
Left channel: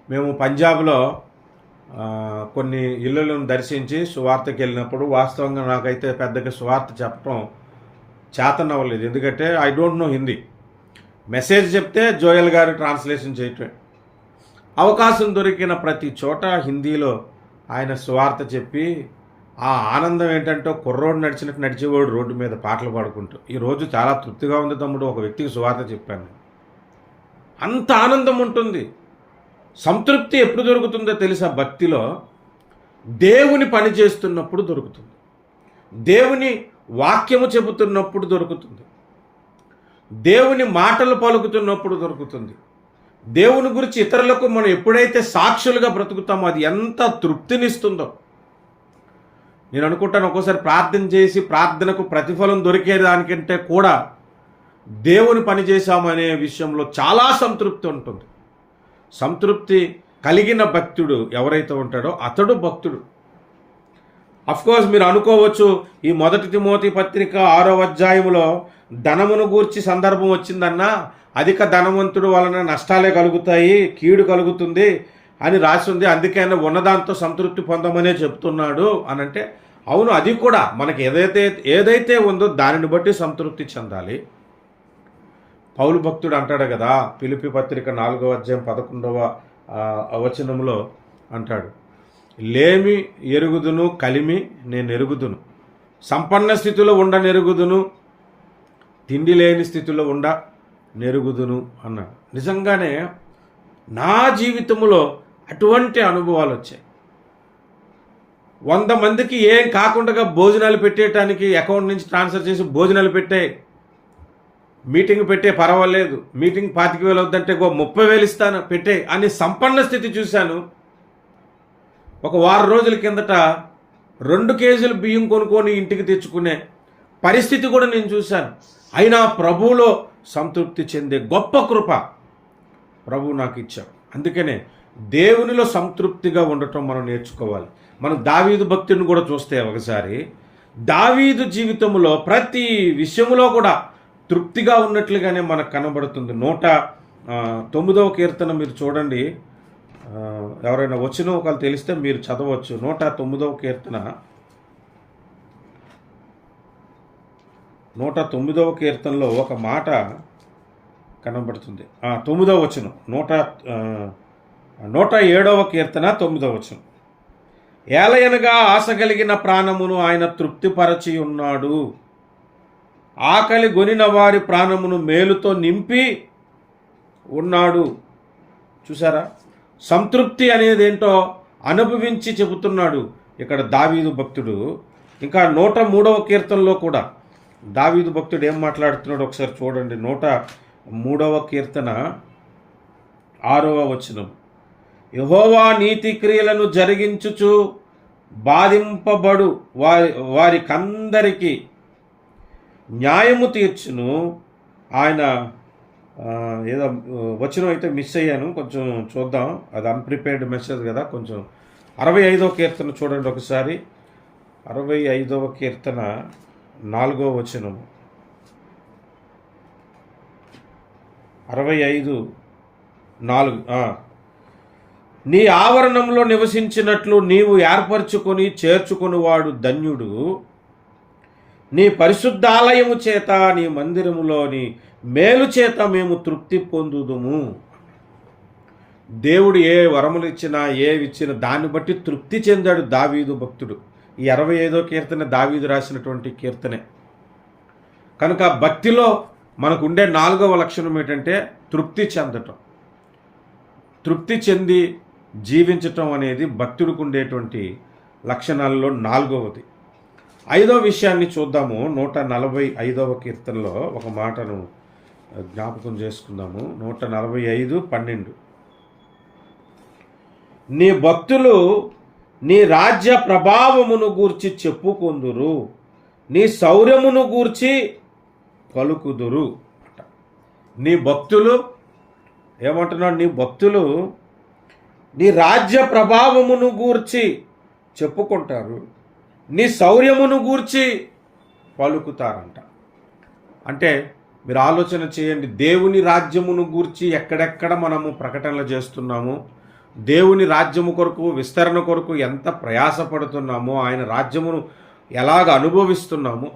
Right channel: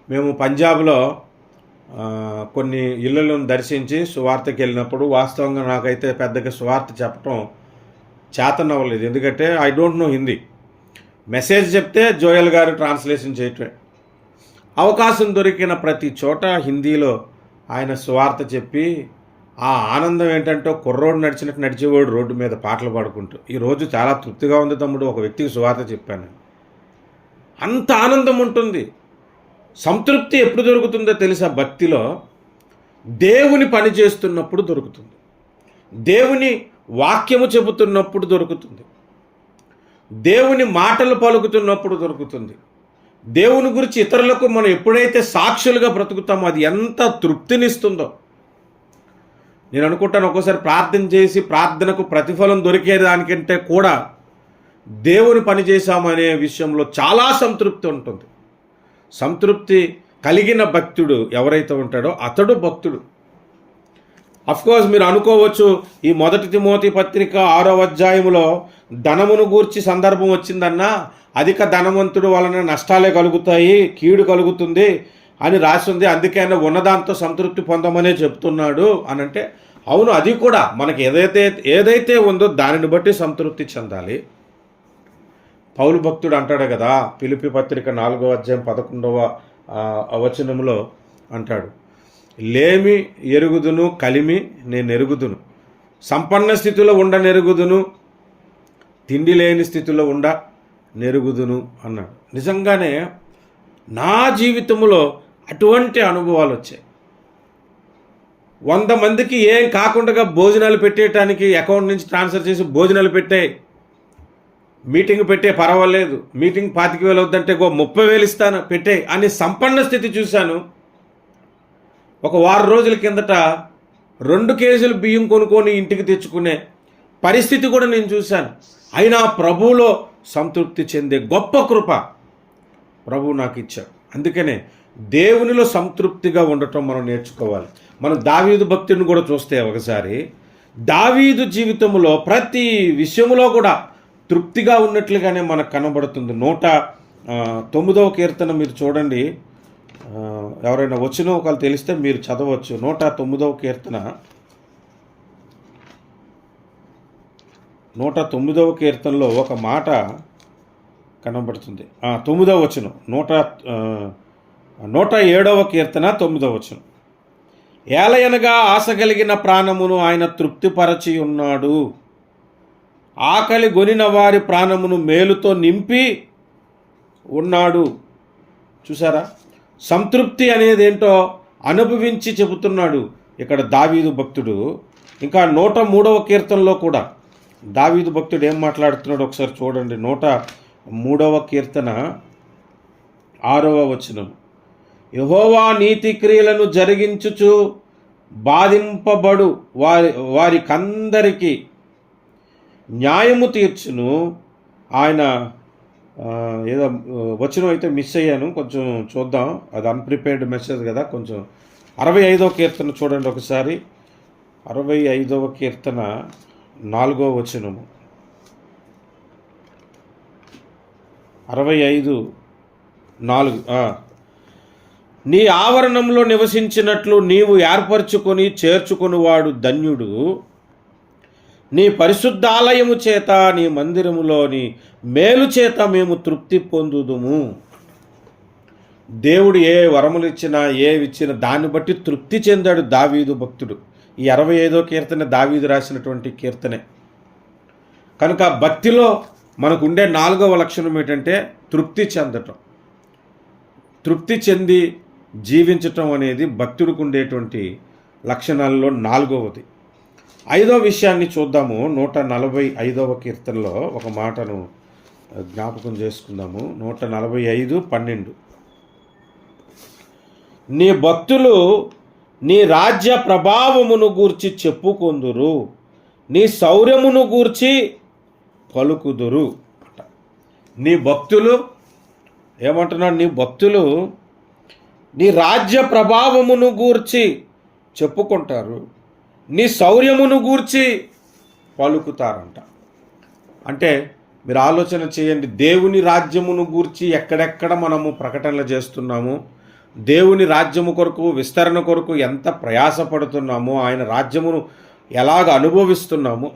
మేము పంజాబ్లో కొన్ని ఇళ్ళలను దర్శించి సువార్తకి వెళ్ళినప్పుడు వాస్తవంగా నాకైతే పెద్దగా సువార్త చెప్పడం చేతనవ్వలేదు. ఎందుకంటే I don't know Hindi. Message చెప్తే జోయల్ గారు ట్రాన్స్లేషన్ చేయటమే. అవకాశం దొరికిన ప్రతి చోట హిందీలో ఆయన సువార్త చెప్పి ఆ ఆనందం ఏంటంటే కుర్రోడు నడిచినట్టు నడిచేవాడు రోడ్డు మీద పాటలు పాడుకుంటూ, ఈరోజు చాలా తృప్తిగా ఉంది తమ్ముడు, ఒక వ్యక్తికి సువార్త చెప్పాను. అంత ఆనందం ఉంటుంది. సంతృప్తి ఎప్పుడు దొరుకుతుందో తెలుసా? భక్తిలో దేవుని పని చేస్తున్నప్పుడు దొరుకుతుంది, దేవుని వాక్యము చెబుతున్నప్పుడు దొరుకుతుంది, దేవుని మాటలు పలుకుతున్నప్పుడు దొరుకుతుంది. దేవుని గురించి ఇతరులకు మనం ఎప్పుడైతే సాక్షులుగా బ్రతుకుతామో అది ఎంత తృప్తినిస్తుందో. నేను అనుకుంటాను, ఒక్కోసారి ప్రార్థన చేసి ప్రార్థనకు ప్రతిఫలం దొరికేదానికంటే కూడా దేవుని పని చేశాము అనే విషయంలో చాలా సంతృప్తి ఉంటుంది. సంతృప్తి కలిగిన భక్తుడు ఎవరైతే ఉంటాడో అతడు భక్తుడు. అఫ్కోర్స్ మీరు అనుకోవచ్చు, ఈ 1 తిమోతి పత్రిక 6వ అధ్యాయంలో ధనమును గూర్చి సందర్భం వచ్చిందన్నా, అధిక ధనవంతుడు వలన నష్టాలే కలుగుతాయి, కీడు కలుగుతుంది అని రాసి ఉంది, అందుకే ఆయన ఉన్నదాంతో సంతృప్తి పొందమనే చెప్తున్నాడు అని అంటే, అవును, అది కూడా మనకి ఏదైతే ఉందో దానిని బట్టి సంతృప్తి చెందాలి. పౌలు భక్తుడు అంటాడు కదా, ఫిలిప్పీ పత్రిక 4వ అధ్యాయం 11వ వచనంలో అంటాడు, లేమి ఎరుగుదును, కలిమి నేను ఎరుగుదును, సంపన్న స్థితిలో నెరుగుదును, తిండి లేని స్థితిలో నెరుగుదును అన్నాడు. నిజంగానే నా జీవితంలో అటువంటి అనుభవాలు వచ్చాయి. 100 మందికి ఏం కాకుండా భోజనాలు పెట్టేయటానికి అకౌంట్ నుంచి ట్రాన్స్ఫర్ చేసి భోజనాలు పెట్టే, మీటింగ్ పెట్టే, పర్వాలేదు, మీటింగ్ 25,000 అవుద్దంటే 30,000 ఇస్తాను పెట్టే అని సంపన్న స్థితి చూశాను. ఒక వారం రోజుల కిందట 2 కేజీలు బియ్యం కొనుక్కొని ఇంటికి తెచ్చుకునే పరిస్థితి కూడా నేను చూశాను. అయినా ప్రభువులో సంతృప్తి చెందే గొప్ప కృప ప్రభువు నాకు ఇచ్చాడు. అందుకనే దేవునిలో సంతృప్తిగా ఉండటం మనం నేర్చుకోవాలి. మనం దావీదు భక్తుని కూడా చూస్తే ఒకసారి దావీదు జీవితంలో ప్రతి విషయంలో కూడా తృప్తిగా ఉన్నట్లుగానే మనకు కనబడుతుంది. 109వ కీర్తన మీరు చూడండి, ఎవరైనా వచ్చిన ఒకళ్ళు తెలిస్తే మీరు చదవచ్చు. 109వ కీర్తన 109వ కీర్తనలో ఒక మాట కనబడుతుంది. 9వ వచనం, 107వ కీర్తన 9వ వచనం. ఏలయనగా ఆశ కలిగిన ప్రాణమును ఆయన తృప్తిపరచి ఉన్నాడు, ఆకలి గొనిన వారి ప్రాణమును మేలుతో నింపి ఉన్నాడు. చూసారా, సంతృప్తి అనేది ఏంటో అనుభవించి చెబుతున్నాడు ఇక్కడ దావీదు భక్తుడు. ఇంకా 103వ కీర్తనలో కూడా దావీదు భక్తుడు ఏం మాట్లాడుతున్నాడు ఒకసారి చూడండి. 103వ కీర్తన 6వ వచనం. యెహోవా నీతి క్రియలను జరిగించుచు బాధింపబడు వారికందరికీ న్యాయము తీర్చును. ఆయన ఏదో వచనం అయితే మిస్ అయ్యాను, కొంచెం చూద్దాం, అది అన్ప్రిపేర్డ్ మెసేజ్ కదా. కొంచెం 65వ కీర్తన చూడండి ఒకసారి. 65వ కీర్తన 4వ వచనము. 65:4. నీ ఆవరణంలో నివసించినట్లు నీవు ఏర్పరచుకొని చేర్చుకునివాడు ధన్యుడు. నీ పరిశుద్ధాలయము చేత, నీ మందిరములోని మేలు చేత మేము తృప్తి పొందుదుము. దేవుడు ఏ వరములు ఇచ్చినా ఏవిచ్చినా దాన్ని బట్టి తృప్తి చెందాడు దావీదు భక్తుడు. ఈ 65వ కీర్తన దావీదు రాసినటువంటి కీర్తనే. కనుక భక్తిలో మనకు ఉండే 4వ లక్షణం ఏంటంటే తృప్తి చెందటం. తృప్తి చెంది జీవించటం అనేది భక్తుడికి ఉండేటువంటి లక్షణాలలో 4వది. 5వ విషయాన్ని చూద్దాము. 145వ కీర్తనలో ఒక మాటను జ్ఞాపకం చేసుకుందాము. 145:12. నీ భక్తులు నీ రాజ్య ప్రభావమును గూర్చి చెప్పుకొందురు, నీ శౌర్యమును గూర్చి పలుకుదురు. నీ భక్తులు ఏమంటున్నాడు? నీ భక్తులు నీ రాజ్య ప్రభావమును గూర్చి చెప్పుకుంటారు, నీ శౌర్యమును గూర్చి పలుకుతారంట. అంటే మీరు ఆలోచన చేయండి, దేవుని రాజ్యమును గూర్చి ఎక్కడెక్కడ మనము ప్రకటనలు చేస్తున్నాము, దేవుని రాజ్యము కొరకు విస్తరణ కొరకు ఎంత ప్రయాసపడుతున్నామో, ఆయన రాజ్యమును ఎలాగ అనుభవిస్తున్నాము,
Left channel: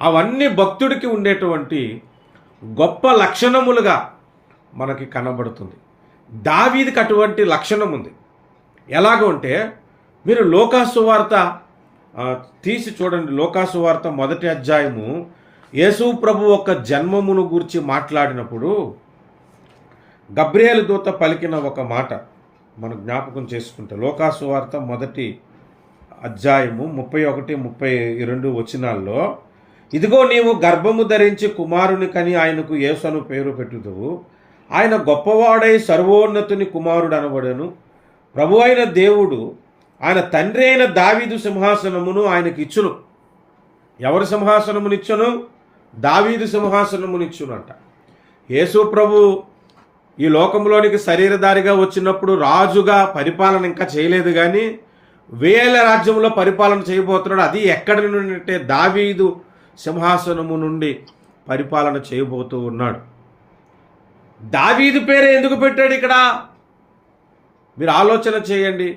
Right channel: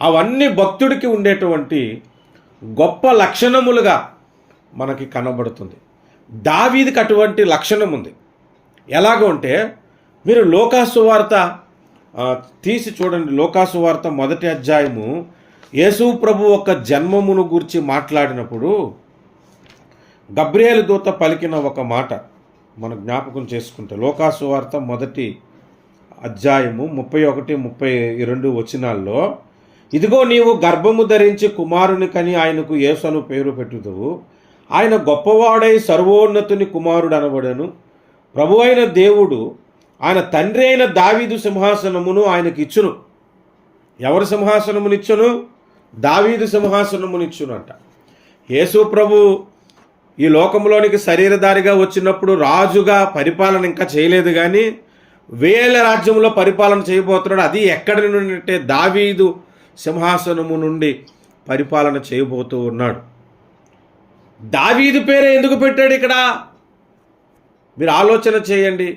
అవన్నీ భక్తుడికి ఉండేటువంటి గొప్ప లక్షణములుగా మనకి కనబడుతుంది. దావీదుకి అటువంటి లక్షణం ఉంది. ఎలాగ అంటే మీరు లోకాసు వార్త తీసి చూడండి. లోకాసు వార్త 1వ అధ్యాయము యేసు ప్రభు యొక్క జన్మమును గురించి మాట్లాడినప్పుడు గబ్రియేలు దూత పలికిన ఒక మాట మనం జ్ఞాపకం చేసుకుంటే లోకాసు వార్త 1 అధ్యాయము 31-32 వచనాల్లో, ఇదిగో నీవు గర్భము ధరించి కుమారుని కని ఆయనకు యేసు అను పేరు పెట్టుదువు. ఆయన గొప్పవాడై సర్వోన్నతుని కుమారుడు అనబడెను. ప్రభు అయిన దేవుడు ఆయన తండ్రి అయిన దావీదు సింహాసనమును ఆయనకి ఇచ్చును. ఎవరు సింహాసనమునిచ్చును? దావీదు సింహాసనమునిచ్చును అంట. యేసు ప్రభు ఈ లోకంలోనికి శరీరధారిగా వచ్చినప్పుడు రాజుగా పరిపాలన ఇంకా చేయలేదు, కానీ 1000 రాజ్యంలో పరిపాలన చేయబోతున్నాడు. అది ఎక్కడి నుండి అంటే దావీదు సింహాసనము నుండి పరిపాలన చేయబోతూ ఉన్నాడు. దావీదు పేరే ఎందుకు పెట్టాడు ఇక్కడ? మీరు ఆలోచన చేయండి.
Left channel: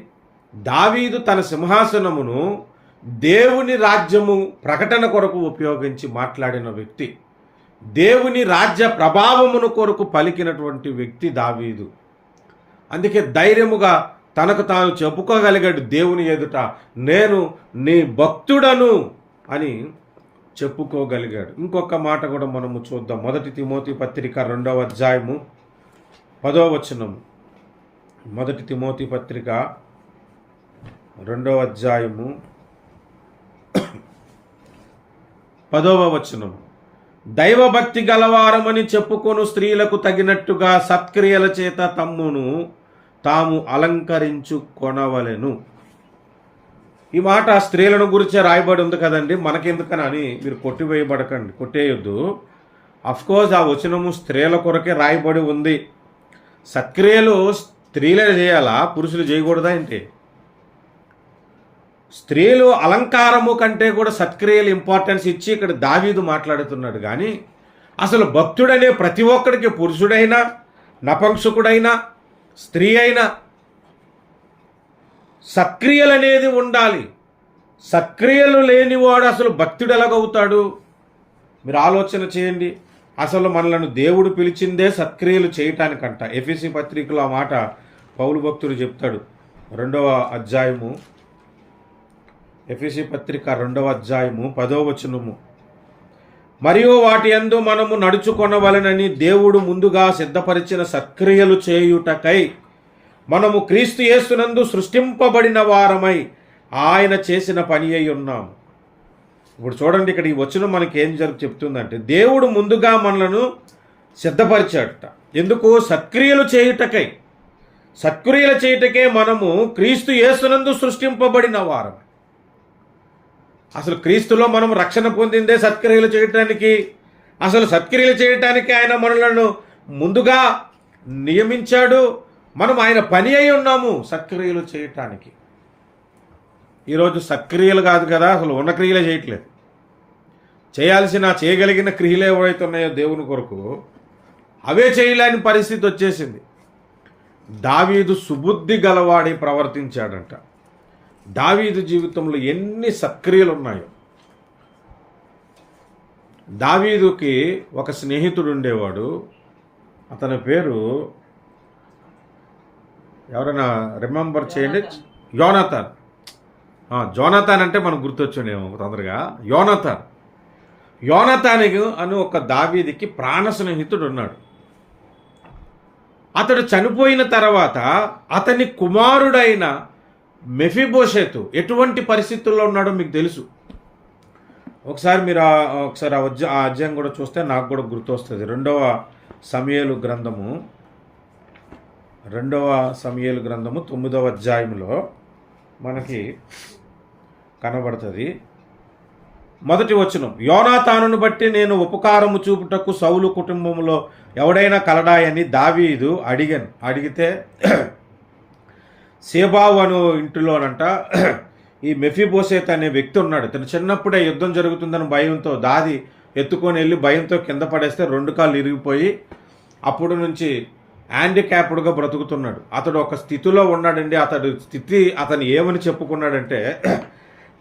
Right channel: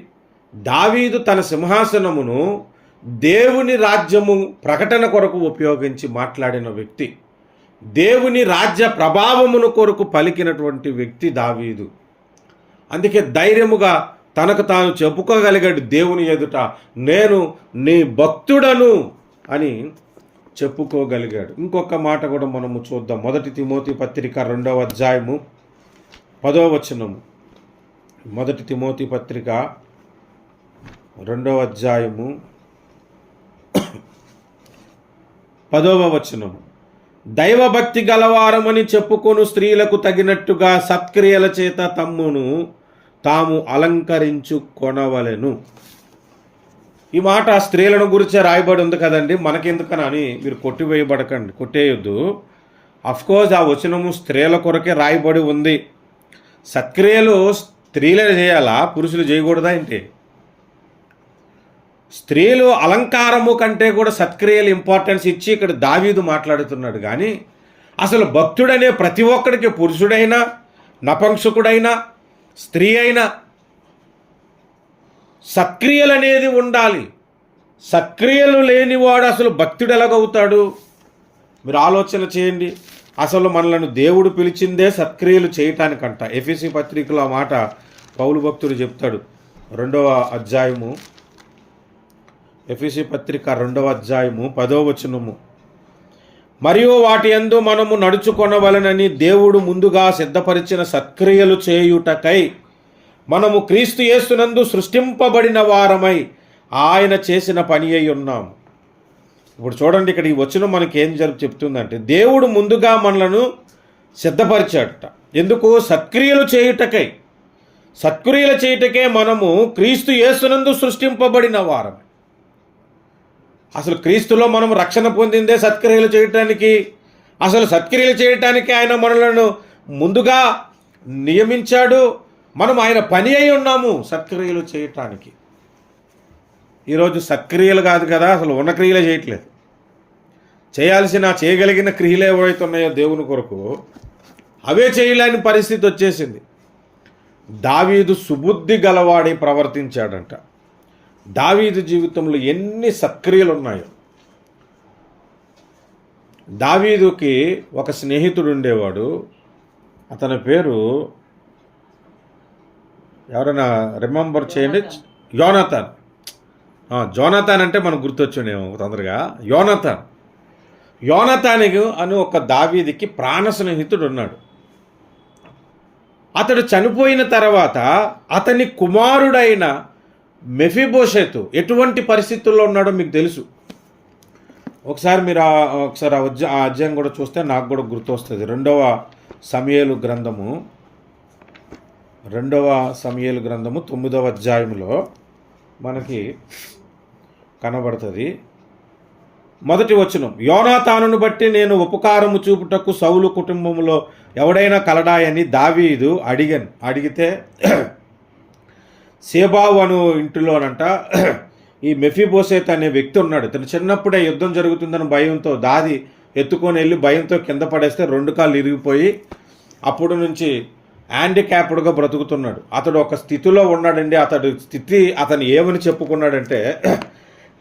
దావీదు తన సింహాసనమును దేవుని రాజ్యము ప్రకటన కొరకు ఉపయోగించి మాట్లాడిన వ్యక్తి, దేవుని రాజ్య ప్రభావమును కొరకు పలికినటువంటి వ్యక్తి దావీదు. అందుకే ధైర్యముగా తనకు తాను చెప్పుకోగలిగాడు దేవుని ఎదుట, నేను నీ భక్తుడను అని చెప్పుకోగలిగాడు. ఇంకొక మాట కూడా మనము చూద్దాం. 1 తిమోతి పత్రిక 2వ అధ్యాయము 10వ వచనము. 1 తిమోతి పత్రిక 2వ అధ్యాయము 10వ వచనము. దైవభక్తి గలవారమని చెప్పుకొను స్త్రీలకు తగినట్టుగా సత్క్రియల చేత తమ్మును తాము అలంకరించుకొనవలెను. ఈ మాట స్త్రీలను గురించే రాయబడి ఉంది కదండి, మనకెందుకని మీరు కొట్టేయొద్దు. అఫ్కోర్స్ ఆ వచనము స్త్రీల కొరకే రాయబడి ఉంది. సత్క్రియలు స్త్రీలే చేయాలా, పురుషులు చేయకూడదా ఏంటి? స్త్రీలు అలంకారము కంటే కూడా సత్క్రియలు ఇంపార్టెన్స్ ఇచ్చి ఇక్కడ దావీదు మాట్లాడుతున్నాడు. కానీ అసలు భక్తుడనే ప్రతి ఒక్కడికి, పురుషుడైనా నపుంసకుడైనా స్త్రీ అయినా, సత్క్రియలు అనేది ఉండాలి. సత్క్రియలు లేనివాడు అసలు భక్తుడు ఎలాగవుతాడు? మీరు ఆలోచన చేయండి. అసలు మనలను దేవుడు పిలిచిందే సత్క్రియలు చేయటానికంట. ఎఫెసీ పత్రికలో ఆ మాట పౌలు భక్తుడు చెప్తాడు. 2వ అధ్యాయము, ఎఫెసీ పత్రిక 2వ అధ్యాయము 10వ వచనము. మరియు వాటి యందు మనము నడుచుకొనవలెనని దేవుడు ముందుగా సిద్ధపరిచిన సత్క్రియలు చేయుటకై మనము క్రీస్తు యేసునందు సృష్టింపబడిన వారమై ఆయన చేసిన పని అయి ఉన్నాము. ఇప్పుడు చూడండి, ఇక్కడ ఈ వచనం మనకి ఏం చెప్తుందంటే, దేవుడు ముందుగా మనలను సిద్ధపరిచాడట. ఎందుకు? సత్క్రియలు చేయుటకై. సత్క్రియలు చేయుటకే మనము క్రీస్తు యేసునందు సృష్టింపబడిన వారం. అసలు క్రీస్తులో మనం రక్షణ పొందిందే సత్క్రియలు చేయటానికి. అసలు సత్క్రియలు చేయటానికి ఆయన మనలను ముందుగా నియమించాడు. మనం ఆయన పని అయి ఉన్నాము సత్క్రియలు చేయటానికి. ఈరోజు సత్క్రియలు కాదు కదా, అసలు ఉన్న క్రియలే చేయట్లేదు. చేయగలిగిన క్రియలు ఏవైతే ఉన్నాయో దేవుని కొరకు, అవే చేయలేని పరిస్థితి వచ్చేసింది. దావీదు సుబుద్ధి గలవాడి ప్రవర్తించాడంట. దావీదు జీవితంలో ఎన్ని సత్క్రియలు ఉన్నాయో. దావీదుకి ఒక స్నేహితుడు ఉండేవాడు. అతని పేరు ఎవరైనా రిమెంబర్ చేయండి? యోనాతాన్. జోనాతాన్ అంటే మనకు గుర్తొచ్చాడేమో తొందరగా. యోనాతాను అని ఒక దావీదుకి ప్రాణ స్నేహితుడు ఉన్నాడు. అతడు చనిపోయిన తర్వాత అతని కుమారుడైన మెఫీబోషెతు ఎటువంటి పరిస్థితుల్లో ఉన్నాడో మీకు తెలుసు. ఒకసారి మీరు ఆ అధ్యాయం కూడా చూస్తే నాకు కూడా గుర్తొస్తుంది. 2వ సమూయేలు గ్రంథము 9వ అధ్యాయంలో మనకి కనబడుతుంది. 1వ వచనం. యోనాతానును బట్టి నేను ఉపకారము చూపుటకు సౌలు కుటుంబంలో ఎవడైనా కలడాయని దావీదు అడిగితే సేబావు అను ఇంటిలోనంట ఈ మెఫీబోషెత్ అనే వ్యక్తి ఉన్నాడు. తను చిన్నప్పుడే యుద్ధం జరుగుతుందని భయంతో దాది ఎత్తుకొని వెళ్ళి భయంతో కింద పడేస్తే 2 కాళ్ళు ఇరిగిపోయి అప్పుడు నుంచి హ్యాండిక్యాప్డ్గా బ్రతుకుతున్నాడు. అతడు ఒక స్థితిలో ఉన్నాడండి. అతను ఏమని చెప్పుకున్నాడంటే,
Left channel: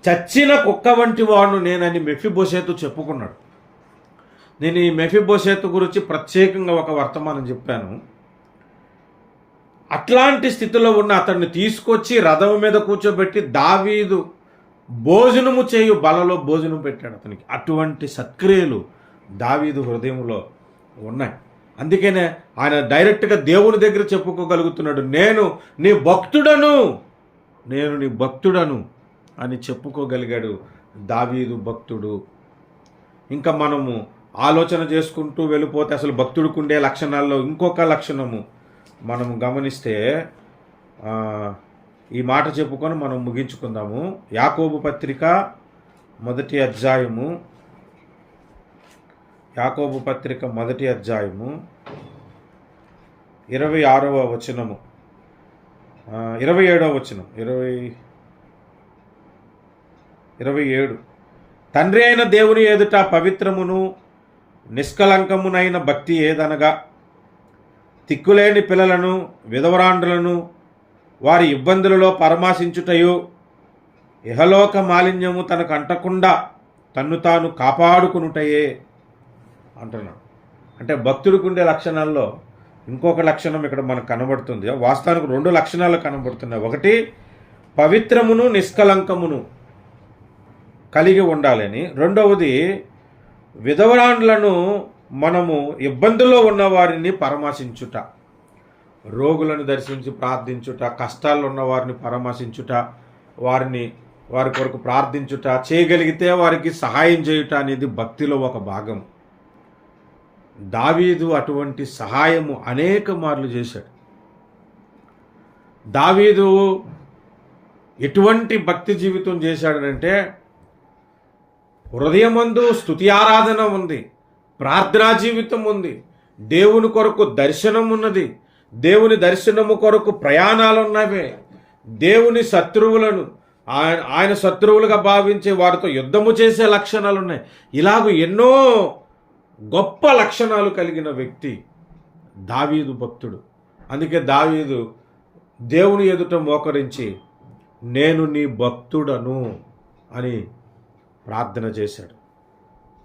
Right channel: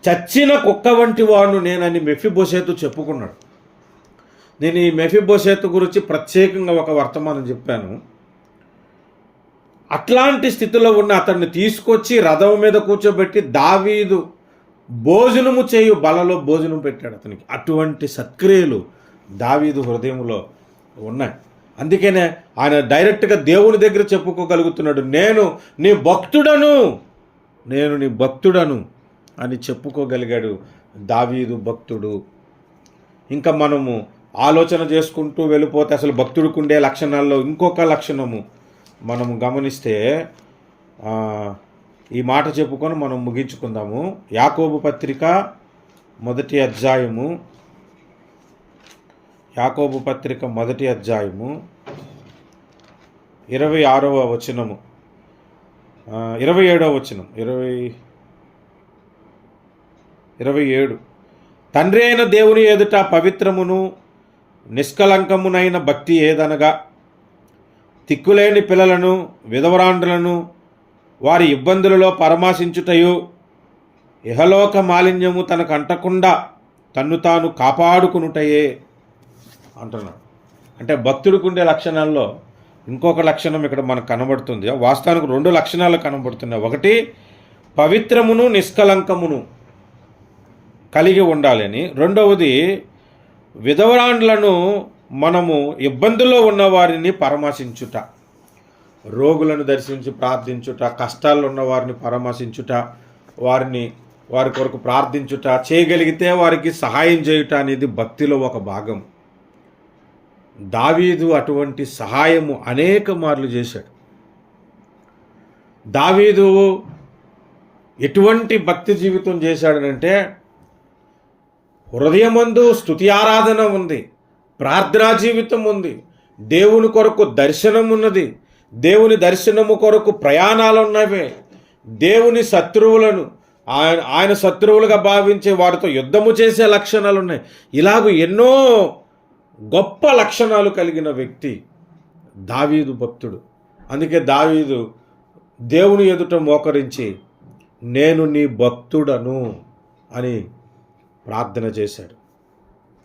చచ్చిన కుక్క వంటి వాడు నేనని మెఫీబోషెతు చెప్పుకున్నాడు. నేను ఈ మెఫీబోషెతు గురించి ప్రత్యేకంగా ఒక వర్తమానం చెప్పాను. అట్లాంటి స్థితిలో ఉన్న అతన్ని తీసుకొచ్చి రథం మీద కూర్చోబెట్టి దావీదు భోజనము చేయు బలలో భోజనం పెట్టాడు అతనికి. అటువంటి సత్క్రియలు దావీదు హృదయంలో ఉన్నాయి. అందుకనే ఆయన డైరెక్ట్గా దేవుని దగ్గర చెప్పుకోగలుగుతున్నాడు, నేను నీ భక్తుడను, నేను నీ భక్తుడను అని చెప్పుకోగలిగాడు దావీదు భక్తుడు. ఇంకా మనము ఆలోచన చేసుకుంటూ వెళ్ళిపోతే అసలు భక్తుడికి ఉండే లక్షణాల్లో ఇంకొక లక్షణము మనము గమనిస్తే, ఈ మాట చెప్పుకొని మనం ముగించుకుందాము. యాకోబు పత్రిక మొదటి అధ్యాయము 26వ వచనము, 27వ వచనం, 27. తండ్రి అయిన దేవుని ఎదుట పవిత్రమును నిష్కలంకమునైన భక్తి ఏదనగా, తిక్కులేని పిల్లలను విధవరాండ్రులను వారి ఇబ్బందులలో పరామర్శించుటయు, ఇహలోక మాలిన్యము తనకు అంటకుండా తన్ను తాను కాపాడుకునుటయే అంటున్నాడు. అంటే భక్తుడికి ఉండే లక్షణాల్లో ఇంకొక లక్షణం ఇక్కడ మనకు కనబడుతుంది. వాస్తవానికి 2 లక్షణాలు కనబడుతున్నాయి. ఒకటి, పవిత్రమును నిష్కలంకమును కలిగి ఉండాలని. రెండవది, విధవరాండ్లను మనము ఇబ్బందుల్లో ఉన్న వారిని పరామర్శించుట, రోగులను దర్శించి ప్రార్థించుట, కష్టాల్లో ఉన్న వారిని పరామర్శించుట, వారి కొరకు ప్రార్థించుట, చేయగలిగితే వారికి సహాయం చేయుట అనేది భక్తిలో ఒక భాగం. దావీదు అటువంటి సహాయము అనేక మార్లు చేశాడు. దావీదు ఎటువంటి భక్తి జీవితం చేశాడనంటే, హృదయమందు స్తుతి ఆరాధన ఉంది, ప్రార్థనా జీవితం ఉంది, దేవుని కొరకు దర్శనం ఉన్నది, దేవుని దర్శనము కొరకు ప్రయాణాలు ఉన్నవే, దేవుని శత్రువులను ఆయన శత్రువులుగా భావించే వారితో యుద్ధము చేసే లక్షణాలు ఉన్నాయి. ఇలాగ ఎన్నో గొప్ప లక్షణాలు కలిగిన వ్యక్తి దావీదు భక్తుడు. అందుకే దావీదు దేవుని ఎదుట మోకరించి నేను నీ భక్తుడను అని ప్రార్థన చేశాడు.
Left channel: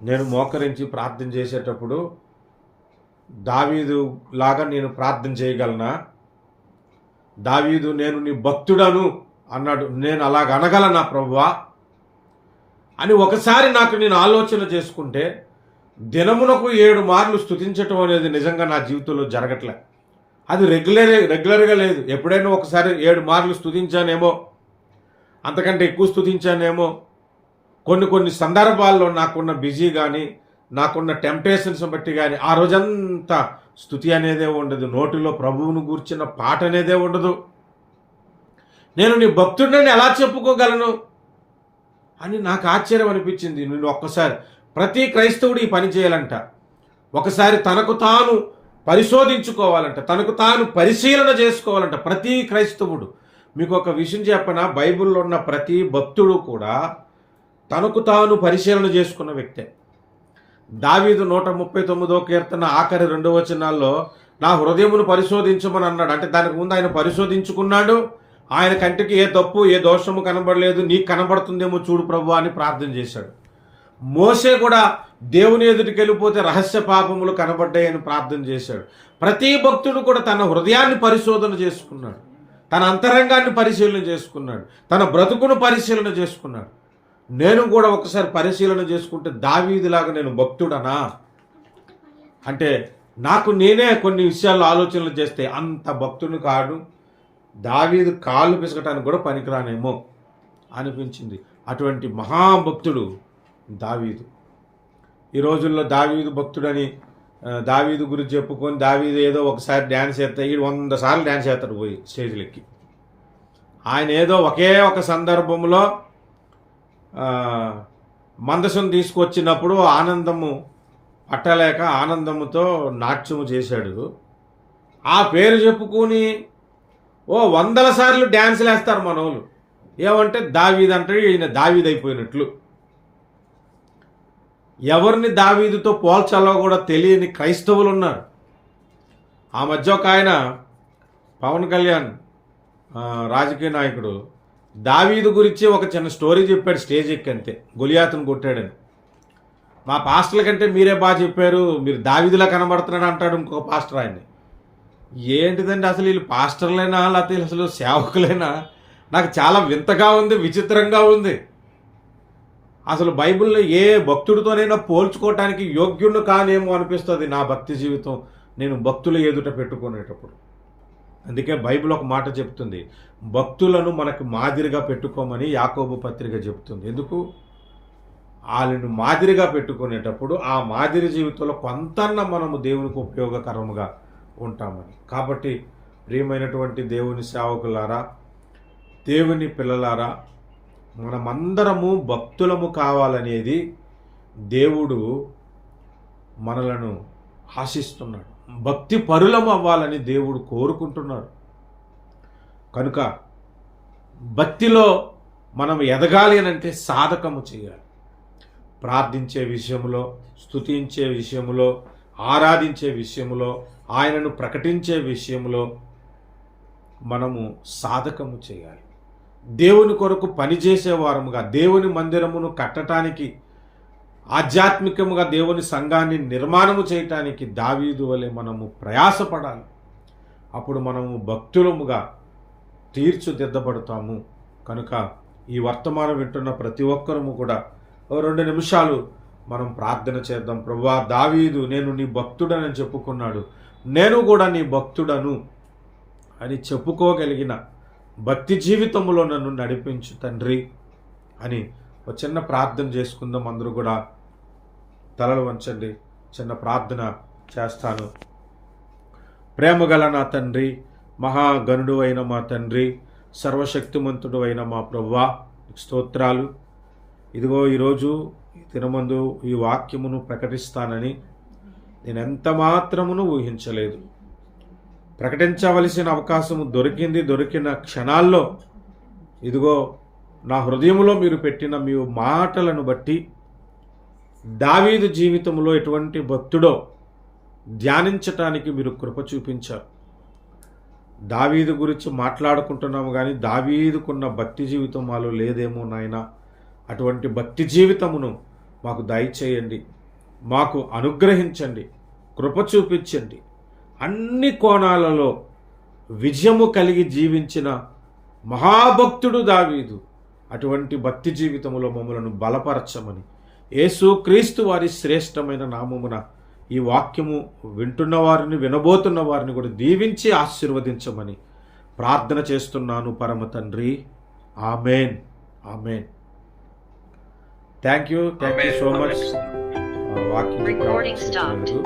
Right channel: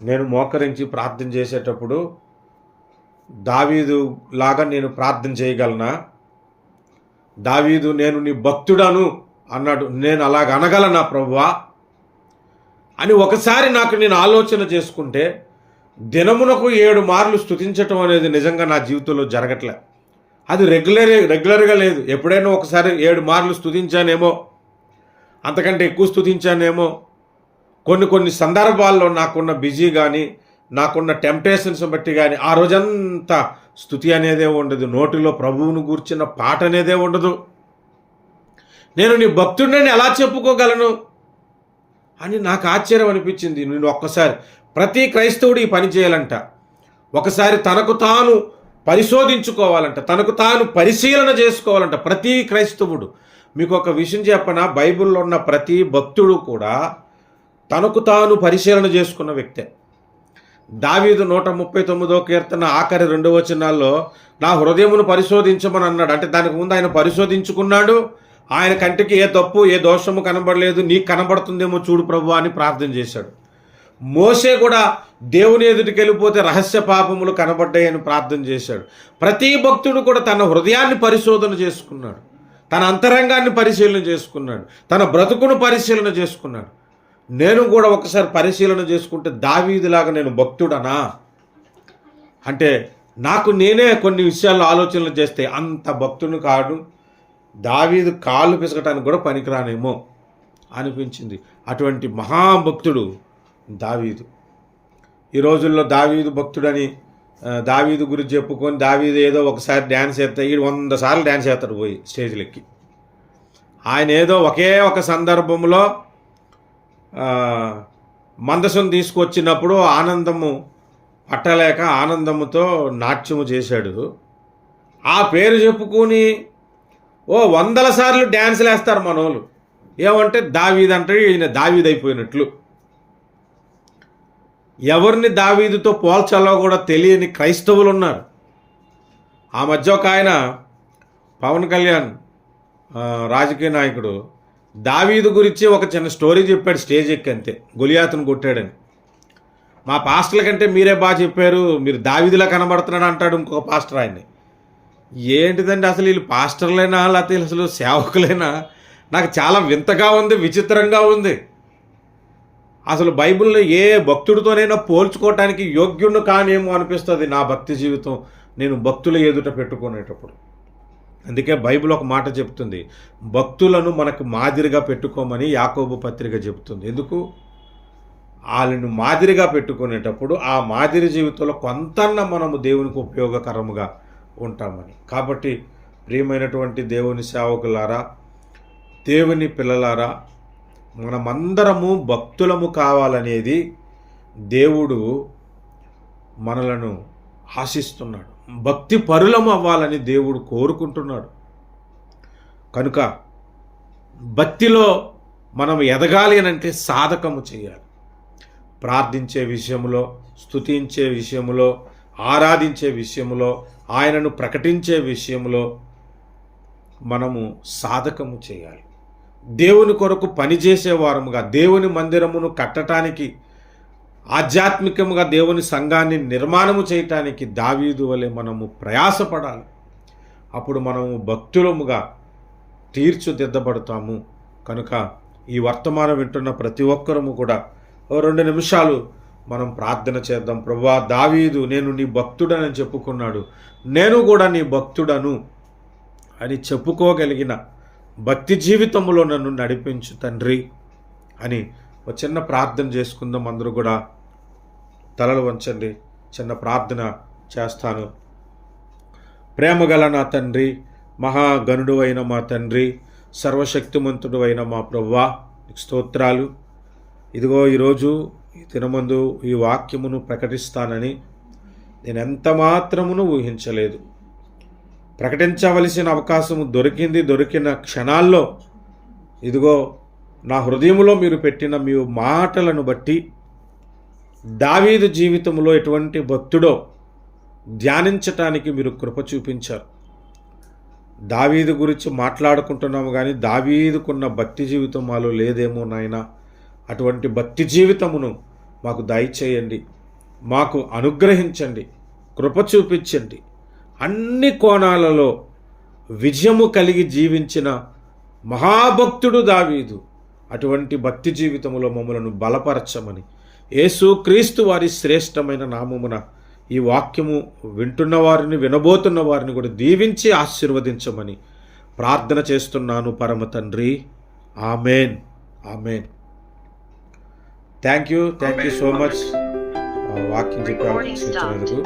నేను మోకరించి ప్రార్థన చేసేటప్పుడు దావీదు లాగా నేను ప్రార్థన చేయగలనా? దావీదు నేను నీ భక్తుడను అన్నాడు, నేను అలాగ అనగలనా ప్రభువా అని ఒకసారి నేను ఆలోచన చేసుకుంటే, దినమునకు 7 మార్లు స్తుతించటం అనేది నిజంగా నా జీవితంలో జరగట్లే. అది రెగ్యులర్గా లేదు. ఎప్పుడైనా ఒకసారి 7 మార్లు స్తుతించానేమో, అంతకంటే ఎక్కువ స్తుతించానేమో. కొన్ని సందర్భాల్లో నాకున్న బిజీ కానీ, నాకున్న టెంప్టేషన్స్ బట్టి కానీ ఆ రోజంతా స్తుతి అనేదే ఉండదు. నోటిలో ప్రభువును గూర్చిన పాట అనేదే ఉండదు. నేను నీ భక్తుడిని ఎలా చెప్పుకోగలను అని నాకు ఆశ్చర్యం అనిపించింది. నేను ఒక్కసారి, ప్రతి క్రైస్తవుడు ఈ పని చేయాలంట. ఒకసారి తనకు తాను పరిశోధించుకోవాలంట, తనకు తాను పరిశీలన చేసుకోవాలంట ప్రతి క్రైస్తవుడు. మీకు ఒక విషయం చెప్పనా, బైబిల్లో ఉన్న ప్రతి భక్తుడు కూడా తనకు తాను పరిశీలన చేసుకున్న వ్యక్తే. దావీదు 139వ కీర్తన ఆఖరి 2 వచనాల్లో నా హృదయమును పరిశోధించమని అన్నాడు. అంటే దానికి ముందు ఆయన పరిశోధించుకున్నాడు. ఆయన కంటికి ఏ తప్పు ఏ దోషము కనబడలేదు, నీకు కనబడుతుందేమో చూడు ప్రభు అని ప్రార్థన చేశాడు. మోసే కూడా దేవుని ఎదుటికి వెళ్ళిపోతే రహస్య పాపములు కనబడ్డాయని ప్రార్థన చేశాడు. ప్రతి భక్తుడు కూడా తన హృదయాన్ని పరిశోధన చేసుకున్నాడు, తన అంతరంగాన్ని పరిశీలన చేసుకున్నాడు, తన బ్రతుకును పరిశీలన చేసుకున్నాడు. నేను కూడా ఒకసారి పరిశీలన చేసుకుంటే దావీదులాగా నేను భక్తుడనా అంటే నాకు నేనే కొన్ని విషయాల్లో ఆలోచనలు చేస్తే అంత భక్తుని కాదు, దావీదు కాళ్ళు పిసకటానికి కూడా పనికిరానేమో అనిపించింది. అటువంటి మహాభక్తుడు దావీదు. ఈ రోజుల్లో దావీదు భక్తుడని దావీదు గురించి చెప్పుకొని దావీదు ఏదో ఒకసారి డ్యాన్స్ చేస్తే 100 సార్లు డ్యాన్స్ చేస్తాడు పోయి స్టేజ్లెక్కి. ఆయన ఏదో ఒకే ఒక సందర్భంలో మందసం తీసుకొచ్చినప్పుడు ఆనందము పట్టలేక ఆనందముతో నాట్యము చేశాడు. ఆ పేరు చెప్పుకొని 100 సార్లు డ్యాన్సులు వేస్తారు మనోళ్ళు. ఏమంటే దావీదు అంటే ఈయన దావీదు అయిపోయినట్లు. ఎవరిని దావీదుతో పోల్చాలో కూడా తెలియని క్రైస్తవులు ఉన్నారు. ఆ మధ్య ఒక ఆయన పవన్ కళ్యాణ్ రాజకీయ నాయకుడు దావీదు గురించి ఒక చిన్న స్టోరీ చెప్పాడు స్టేజ్ ఎక్కి, అంతే, గొలియాతును కొట్టాడని. మా పాస్టర్ల కంటే మీరే బాగా చెప్పారు, మీరు దావీదులా కనబడుతున్నాడు అంటాడు ఇంకొక పాస్టర్ ఆయన్ని. ఏంటిదండి అసలు వీళ్ళు పాస్టర్లైనా లేకపోతే అసలు సేవకులైనా? నాకు చాలా వింతగా ఉంది, విచిత్రంగా ఉంది. అసలు బైబిల్లో ఏ భక్తుడితోనైనా పోల్చుకోవటానికి యోగ్యుడు కానేమో అనిపిస్తుంది నా భక్తి జీవితం నేను భక్తుల ఎదుట పెట్టుకునేటప్పుడు. అందుకే బైబిల్ ఒక మాట చెప్తుంది, భక్తులను మనకు మాదిరిగా పెట్టుకోమని యాకోబు పత్రిక చెబుతుంది. ఎందుకు? వాళ్ళను మాదిరిగా పెట్టుకునేటప్పుడు ఆ మాదిరి జీవితంలో కొంతన్న మనము దేవునికి ఉపయోగకరముగా ఉంటామని. కాబట్టి ప్రియమైనటువంటి దేవుని సేవకులారా, దేవుని పిల్లలారా, మనమందరము భక్తులము కావాలనేది దేవుడు మనలను ఆశిస్తున్నాడు. భక్తి పరులము అవ్వాలని దేవుడు కోరుకుంటున్నాడు. కనుక భక్తిలో మనం ఎదగాలి అని అంటే సాధకము చేయాలి. ప్రార్థించే విషయంలో, స్తుతించే విషయంలో, ఆరాధించే విషయంలో, ఆయనను ప్రకటించే విషయంలో మనము సాధకము చేయాలి. దేవుని కొరకు పనిచేసే వారముగా, దేవుని మందిరమును కట్టడానికి, ఆధ్యాత్మికముగా దేవుని సంఘాన్ని నిర్మాణము చేయటానికి దావీదు వలె మనము ప్రయాసపడాలి. అప్పుడు మనము భక్తులముగా తీర్చిదిద్దబడతాము. కనుక ఈ వర్తమానం వింటున్న ప్రతి ఒక్కరము కూడా 2 నిమిషాలు మనం ప్రార్థన చేద్దాం. ప్రభువా, దావీదు నేను నీ భక్తుడనని చెప్పుకున్నాడు, నేను కూడా నీ భక్తుడను అని చెప్పుకోగలిగిన భక్తి జీవితంలో నన్ను నడిపించు తండ్రి అని ఒక చిన్న ప్రార్థన చేసుకుందాం. అందరూ కూడా తలలు వంచండి. చిన్న ప్రార్థన చేస్తాను. ప్రేమగల నా తండ్రి, మహాగణుడు అయిన మా తండ్రి, సర్వశక్తిమంతుడు అయిన మా ప్రభువా, స్తోత్రాలు. ఇదిగో ఈరోజు ఈ దినమందు ఈ వాక్యమును ప్రకటిస్తానని నేను ఎంత మాత్రమును ఊహించలేదు. ప్రకటించవలసిన అవకాశము దొరికిన క్షణాల్లో ఇదిగో నా హృదయంలో మీరు పెట్టిన మీ మాటలను బట్టి దావీదు జీవితంలో ఎటువంటి భక్తుడో ధ్యానించటానికి మీరు కృప చూపించారు. దావీదు గురించి మాట్లాడుకుంటున్నాము కానీ దావీదుకున్న భక్తి జీవితం మాలో లేదేమో నాయన. అటువంటి భక్తి జీవితమును మాకు దయచేయండి, మాకు అనుగ్రహించండి, కృప చూపించండి. అన్ని కోణాలలో విజయము కలిగి జీవించిన మహాభక్తుడు దావీదు. అటువంటి భక్తి జీవితములో మమ్మలను బలపరచమని యేసు క్రీస్తు వారి శ్రేష్టమైన నామమున ఈ వాక్యము వింటున్న వారిని, వినబోతున్న వారిని కూడా దీవించి ఆశీర్వదించమని ప్రార్థన చేస్తున్నాను పరమ తండ్రి. Amen, amen. Thank you so much వాక్యం చెప్పినందుకు.